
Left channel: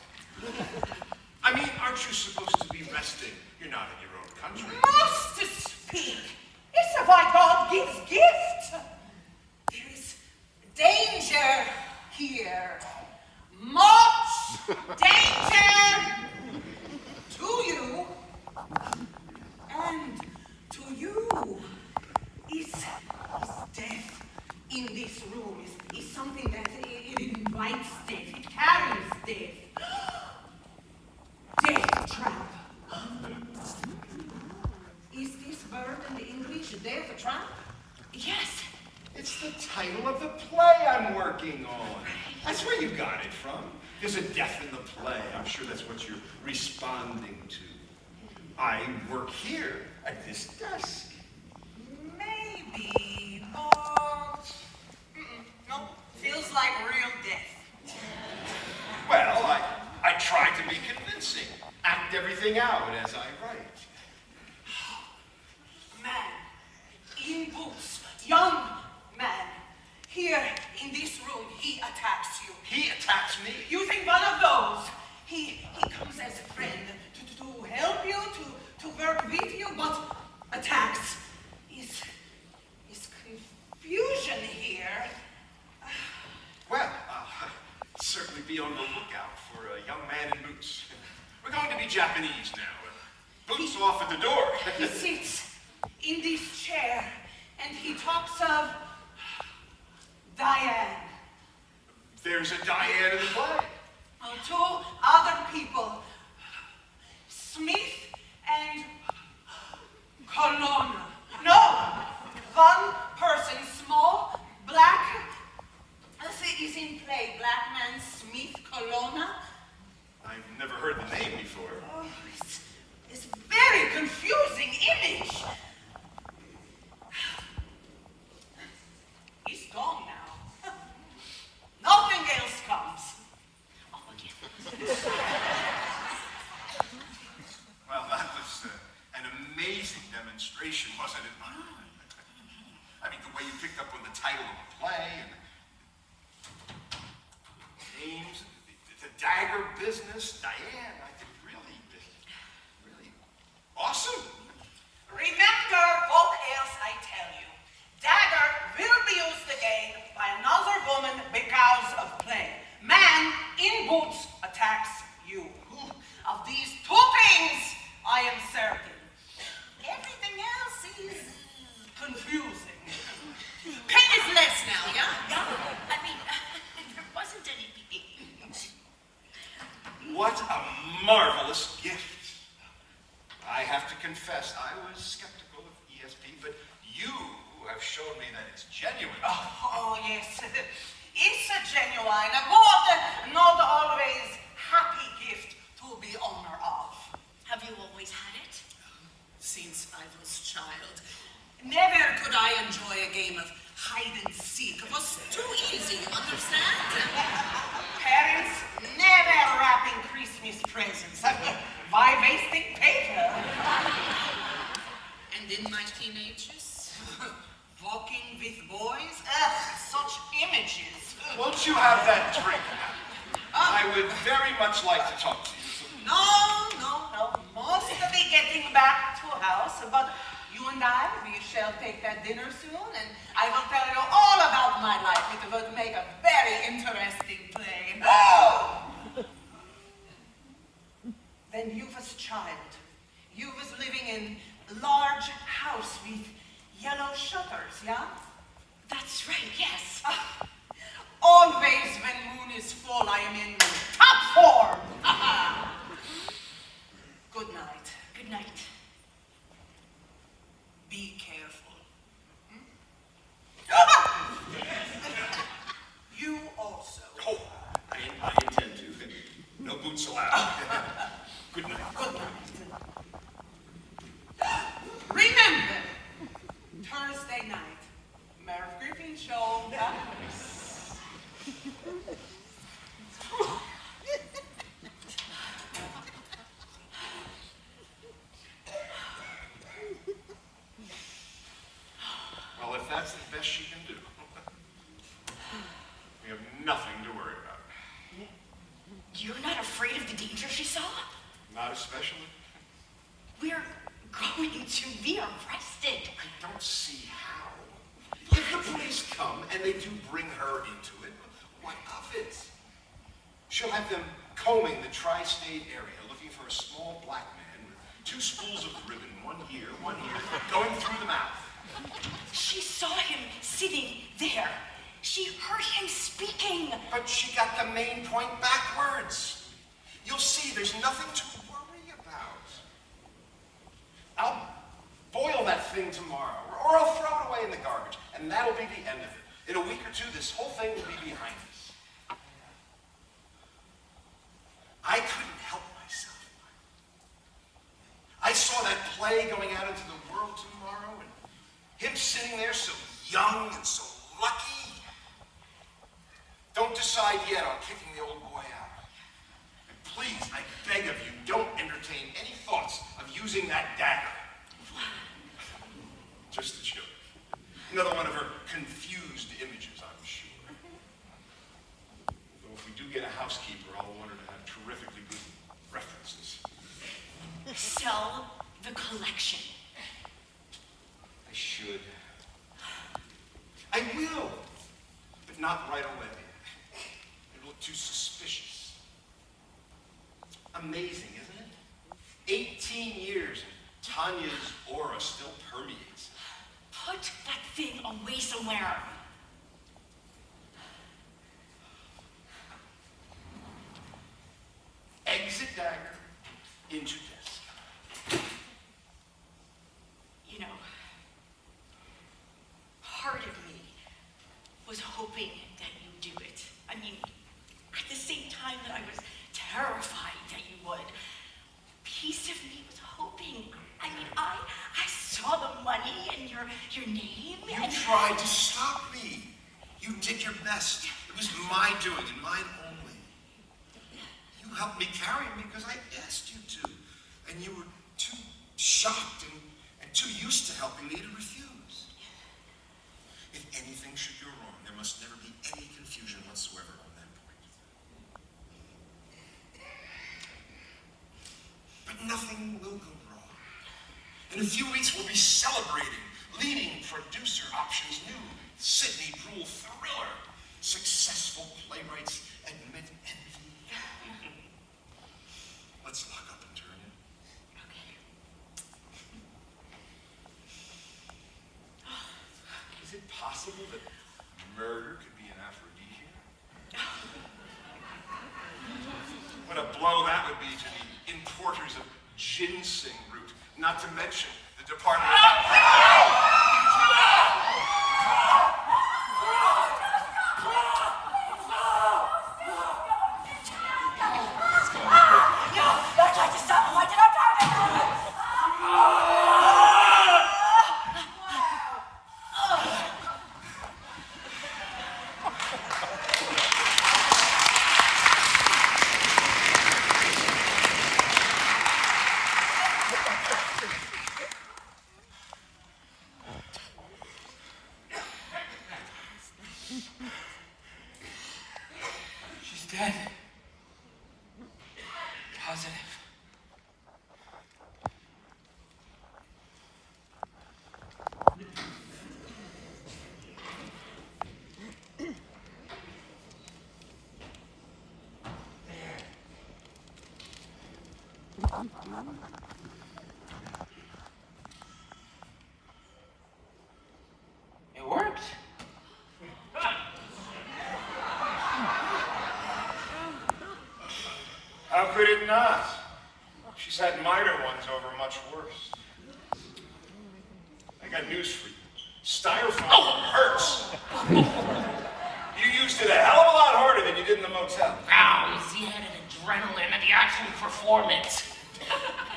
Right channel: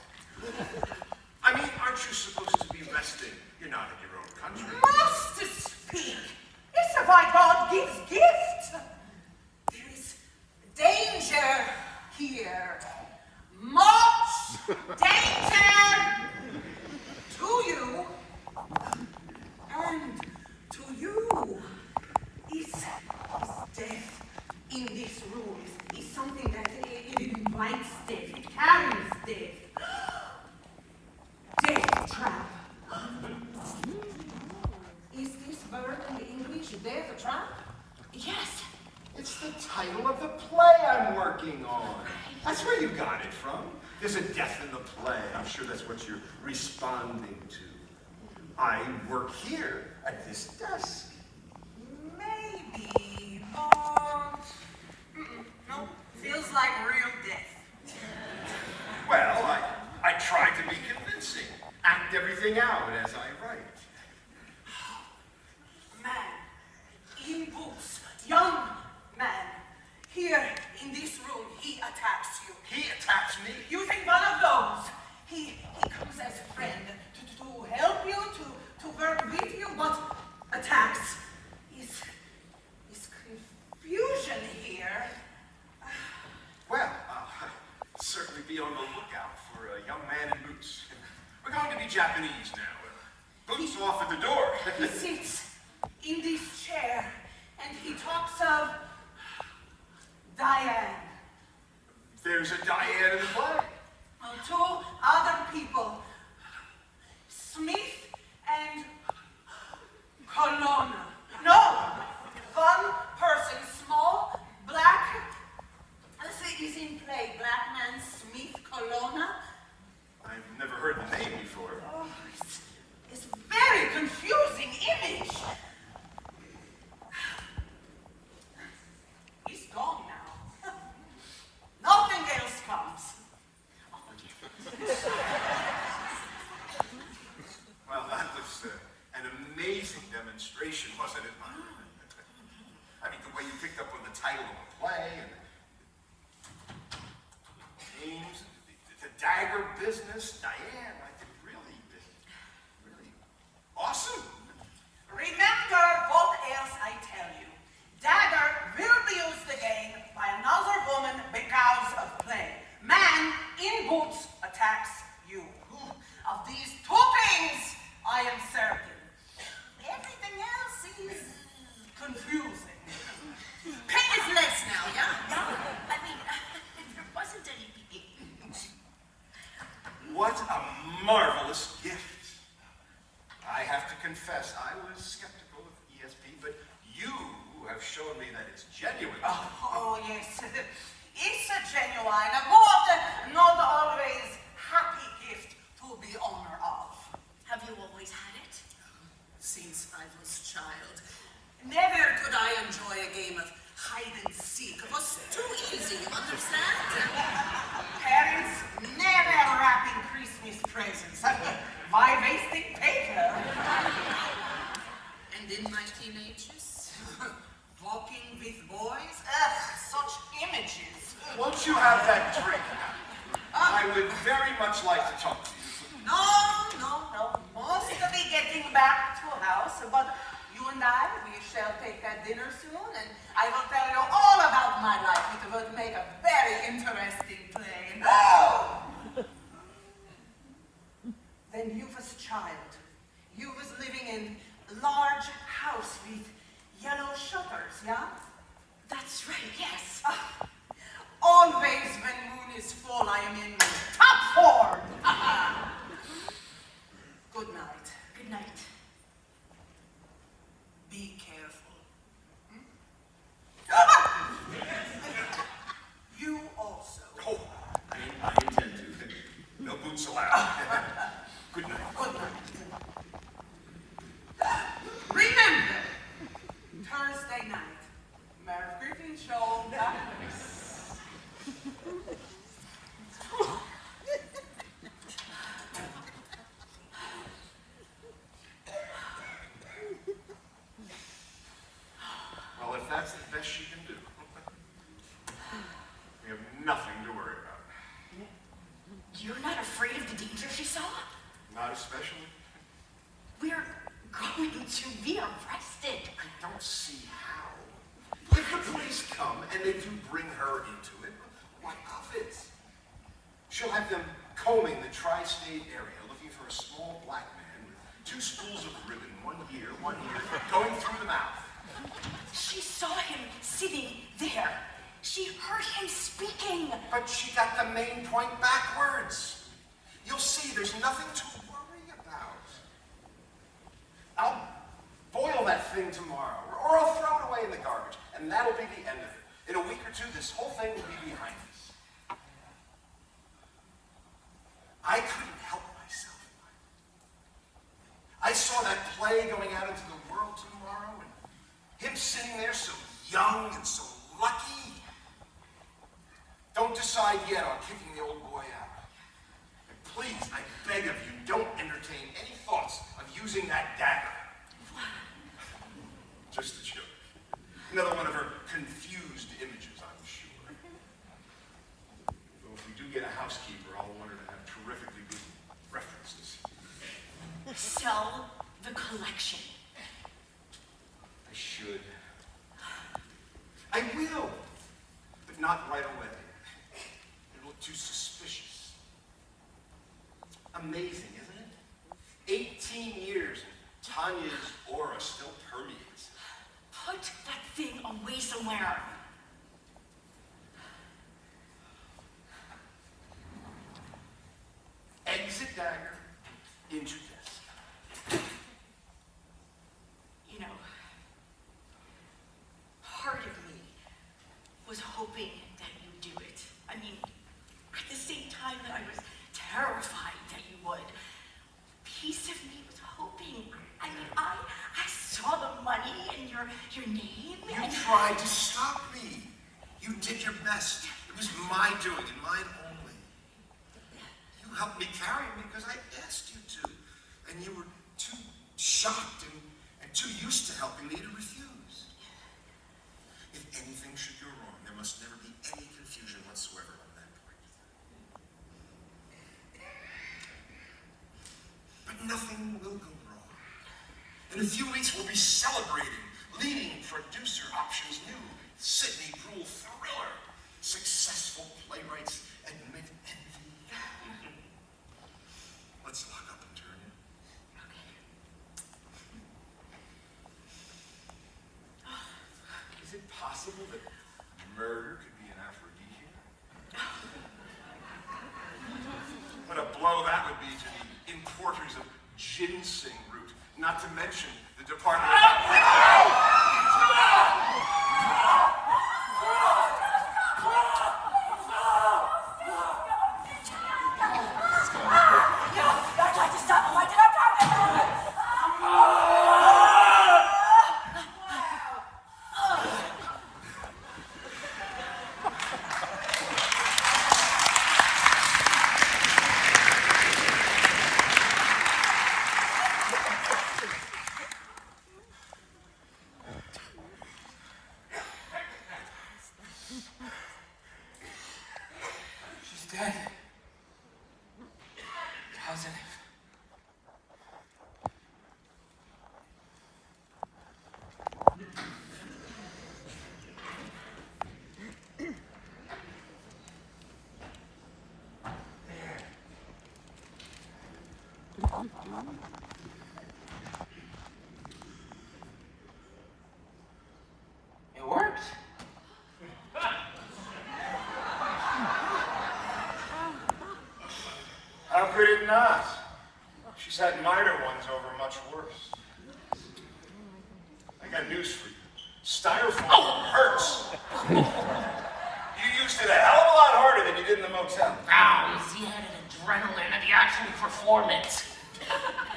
I mean, aren't you supposed to be resting? You're not in your own country. Must speak. It's why God gives gift. There is danger here. Much danger to you and to you. Is death in this room is something that it invites death, it carries death. Death trap. working on. That's where you got it from. There's a death in the play. I'm sure that's what you're responding to. I work here at this desk. Maybe, but no, feels like real death. Well, I try to be convincing. Act everything out as I write. Man, in boots, young man, here in this room, he attacks you. He attacks me. You think one of those? He comes as a friend to help you, to work with you, but attacks is confusion here. Well, I'll certainly be on the lookout for a young man in boots. We're going to be Japanese now. Boots off at the door. He sits in this chair and he talks of Diane. There's a Diane in the play. Two other people, Smith and Colonna. No, one person, small, black, is in play. Black man Smith Colonna. I've never heard the name before. Oh, it's very confusing image. He's gone now. Nothing else comes. Well, that was an amazing demonstration, wasn't it? I mean, the way you picked up on the title of the play and the names, the dagger business, Diane, I think really awesome. Remember what else I tell you. Dagger will be used again by another woman because of play. Man in boots attacks you. Of these two things, I am certain. Everything else is confusing. Pain is less now, yeah? Yeah, I mean, there wasn't any. What a marvelous gift. I have to confess, I was skeptical of ESP, but you have shown me that it's genuine. Oh, yes. It's a genuine, but not always happy gift to be owner of. Have you always had it? Since I was child, never could I enjoy a game of hide and seek. It was too easy, you understand? Parents never wrapping Christmas presents. Why wasting paper? And in my teenagers, walking with boys, such images. Won't you have that drink? I would very much like to talk to you. No. Must be getting back to house, but you and I, we shall take that dinner soon, and I will tell you all about my life. It will make a very interesting play. When you was a child, you was living in a large house with yellow shutters, yeah? That's right, yes. Always when moon is full, I am in top form. Good night. Good night. Be careful. You also. Oh, I intend to. No boots allowed. Good night. Good night. Remember, Thursday night, Merv Griffin show. Well, if that's the best she can do, we have nothing to worry about. You're not afraid of the danger she saw? Not especially. We're going to be arrested. I don't see how. If the police come and they do bring her into it, what of it? She'll have them combing the tri-state area looking for a small black man with two spools of ribbon, one here, going through the mouth. She saw him sitting there. She heard him speaking. But she got the main point backwards. You'll see there's nothing to worry about. I'll boil that thing tomorrow, or I'll throw it away in the garbage, and that'll be the end of it. In a week or two, this whole thing will be behind us. I couldn't help myself. I saw that play going out into the world tomorrow, and him sitting there so young and so lucky. Don't decide yet on kicking the old boy out. And please, I beg of you, don't entertain any thoughts of using that dagger. Just a joke. Another one of her confused images, I'm sure. Though if we do get a housekeeper, I'll want her to have terrifically good references. Sell the collection. I should. I will. But not right away. It'll look too suspicious. Amazing, isn't it? 18 years, and Tanya's aura still permeates. Put that thing away somewhere. Exit dagger into desk. You know, part of me was hoping that you'd do it. I mean, at the same time that I was terrified that you would. A piece of me was hoping. I mean, I saw the money and your name. You tried to stop me. You did your best. It was my doing and mine only. You helped me carry him because I asked you to. And you were too shocked and too used to helping me to refuse. If anything should go wrong, there must never be any confusion whatsoever on that point. But nothing will go wrong. In a few weeks, we'll be celebrating leading producer options new Sydney Brule thriller. Successful playwrights admit envy. Let's lock up and turn in. Okay. Is it possible that murder could be an aphrodisiac? What a blow that would be to the importers of ginseng root, not to mention the Department of... I tried to stop him. I did. I promise. She's dead. Positive. It worked. How could it not? She's had minor ones over much worse. I got news for you. Styrofoam hurts. You used it a hell of a lot harder than you did in the motel. Ow, he had an adrenaline and the action performance.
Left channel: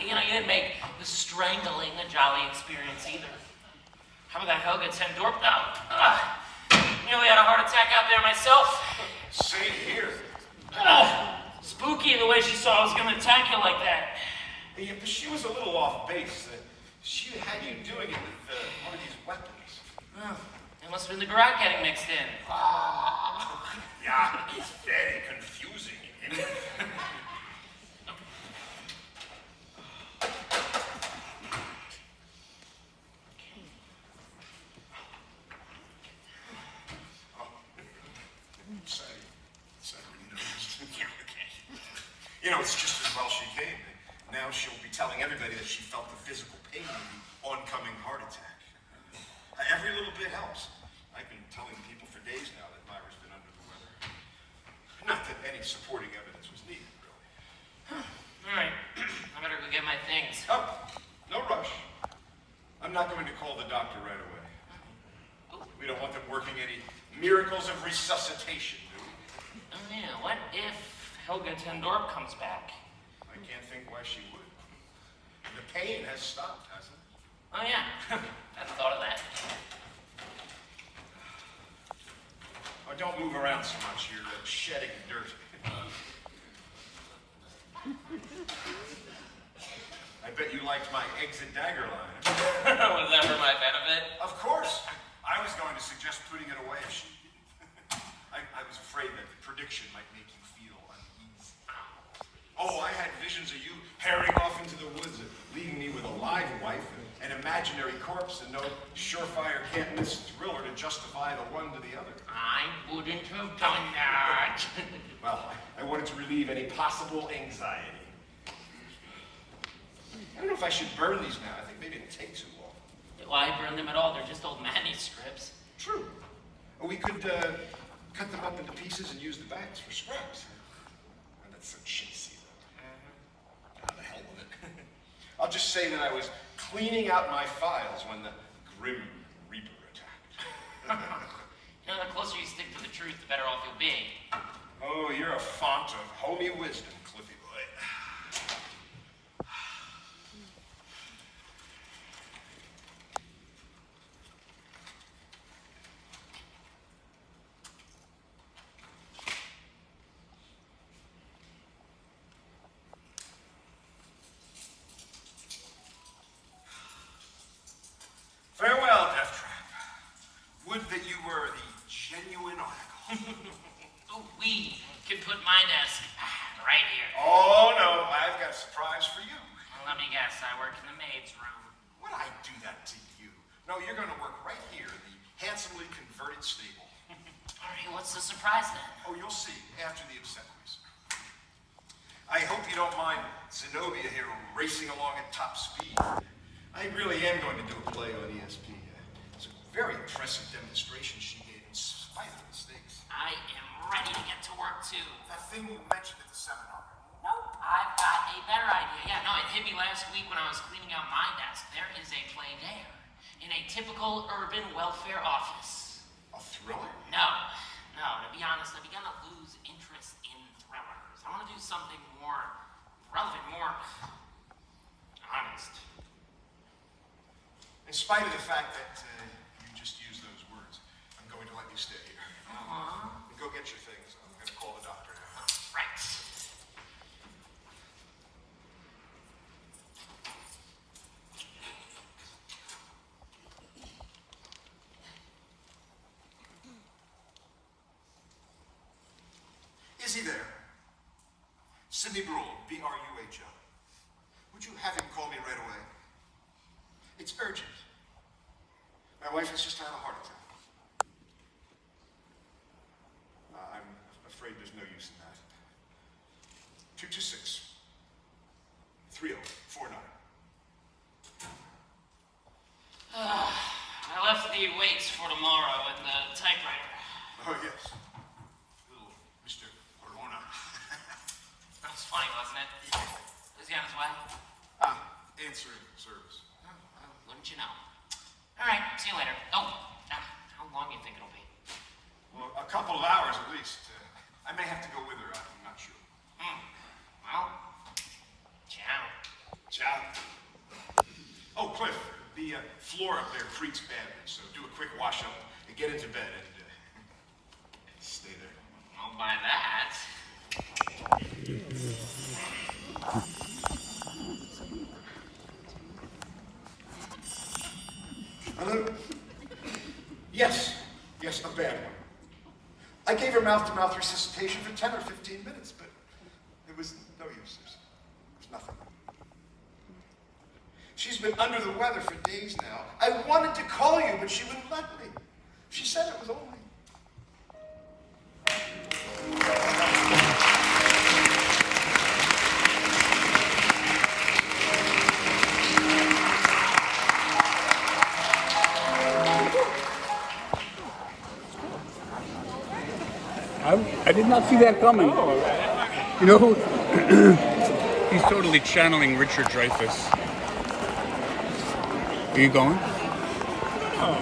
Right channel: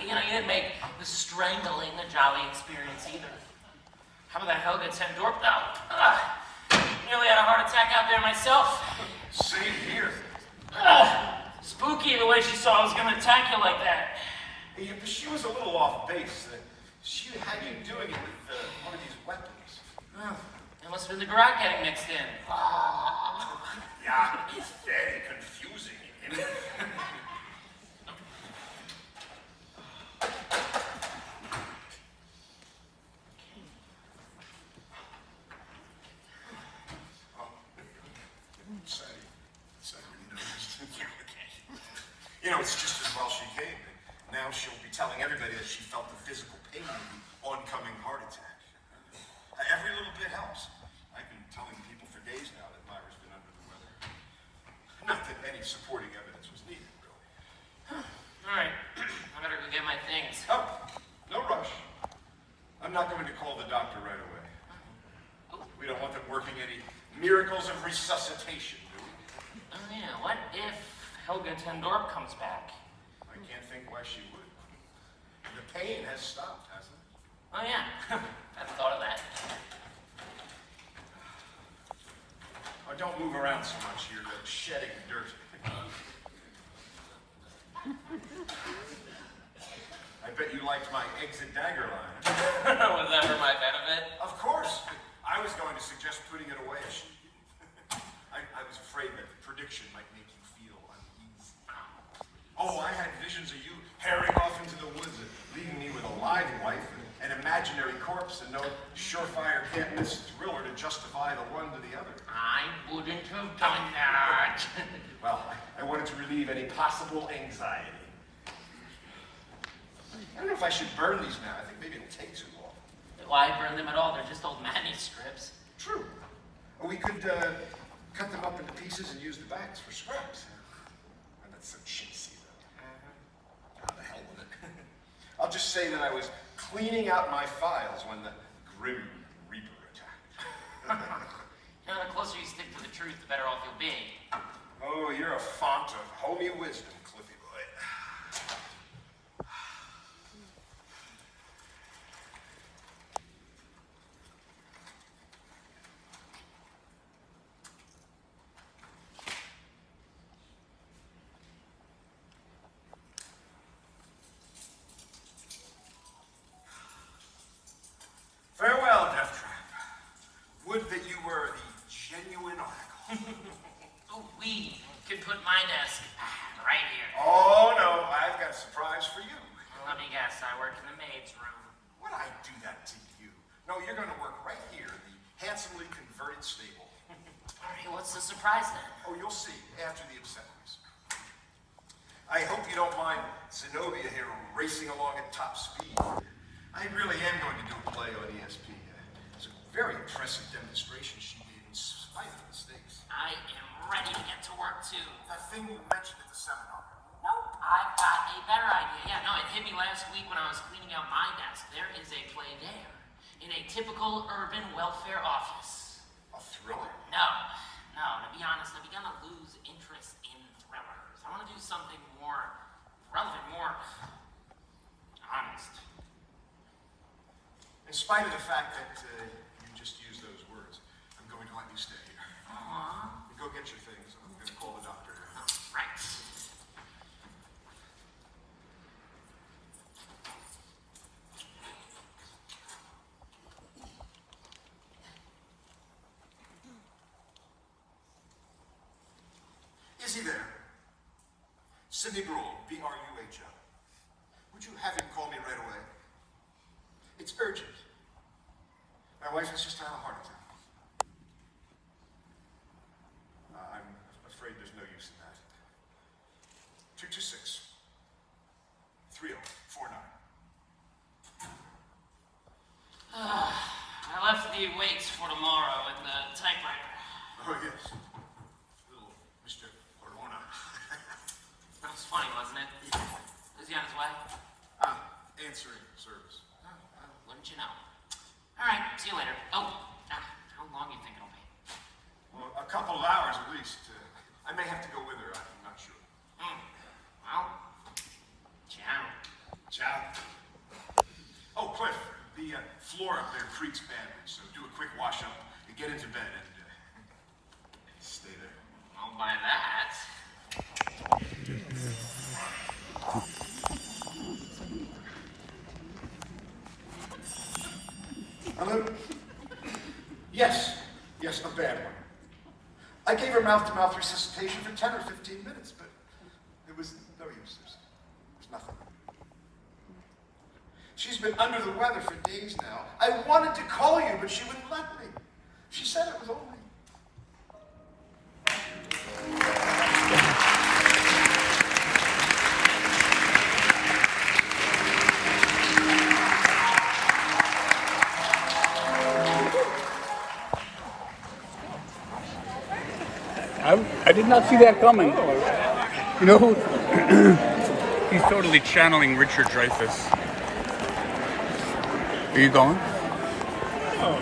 You know, you didn't make the strangling a jolly experience either. How about that Helga 10 Dorp though? Nearly had a heart attack out there myself. Same here. Spooky the way she saw I was gonna attack you like that. Yeah, but she was a little off base. She had you doing it with one of these weapons. Oh, it must have been the garage getting mixed in. Yeah, it's very confusing. Sorry, you noticed. Yeah, okay. You know, it's just as well she came. Now she'll be telling everybody that she felt the physical pain of the oncoming heart attack. Every little bit helps. I've been telling people for days now that Myra's been under the weather. Not that any supporting evidence was needed, really. All right, I better go get my things. Oh, no rush. I'm not going to call the doctor right away. We don't want them working any miracles of resuscitation, do we? Oh yeah, what if Helga ten Dorp comes back? I can't think why she would. The pain has stopped, hasn't it? Oh yeah, I thought of that. Oh, don't move around so much. You're shedding dirt. I bet you liked my exit dagger line. Was that for my benefit? Of course. I was going to suggest putting it away if she did. I was afraid that the prediction might make you feel uneasy. Oh, I had visions of you herring off into the woods and leaving me with a live wife and an imaginary corpse and no surefire can't miss thriller to justify the one to the other. I wouldn't have done that. Well, I wanted to relieve any possible anxiety. I don't know if I should burn these now. I think maybe it'll take too long. Why burn them at all? They're just old manuscripts. True. Or we could cut them up into pieces and use the backs for scraps. And that's so chintzy, though. The hell with it. I'll just say that I was cleaning out my files when the Grim Reaper attacked. You know, the closer you stick to the truth, the better off you'll be. Oh, you're a font of homey wisdom, Cliffy boy. Farewell, Deathtrap. Would that you were the genuine article. Oh, we could put my desk right here. Oh, no, I've got a surprise for you. Well, let me guess, I work in the maid's room. Would I do that to you? No, you're going to work right here in the handsomely converted stable. All right, what's the surprise then? Oh, you'll see after the obsequies. I hope you don't mind Zenobia here racing along at top speed. I really am going to do a play on ESP. It's a very impressive demonstration she gave in spite of mistakes. I am ready to get to work too. That thing you mentioned at the seminar. Nope, I've got a better idea. Yeah, no, it hit me last week when I was cleaning out my desk. There is a play there, in a typical urban welfare office. A thriller? No, to be honest, I've begun to lose interest in thrillers. I want to do something more relevant, more honest. In spite of the fact that you just used those words, I'm going to let you stay here. Go get your things. I'm going to call the doctor. Right. Is he there? Sidney Brule, B-R-U-H-L. Would you have him call me right away? It's urgent. My wife has just had a heart attack. I'm afraid there's no use in that. 226 3049. I left the weights for tomorrow at the typewriter. Oh, yes. Little Mr. Corona. That was funny, wasn't it? Is he on his way? Answering service. Oh, well, wouldn't you know? All right, see you later. Oh, how long do you think it'll be? Well, a couple of hours at least. I may have to go with her. I'm not sure. Well, ciao. Ciao. Oh, Cliff, the floor up there creaks badly, so do a quick wash up and get into bed and stay there. I'll buy that. Hello? Yes, a bad one. I gave her mouth-to-mouth resuscitation for 10 or 15 minutes, but it was no use. There was nothing. She's been under the weather for days now. I wanted to call you, but she wouldn't let me. She said it was only. I did not see that coming. You know, he's totally channeling Richard Dreyfuss. Are you going? Oh,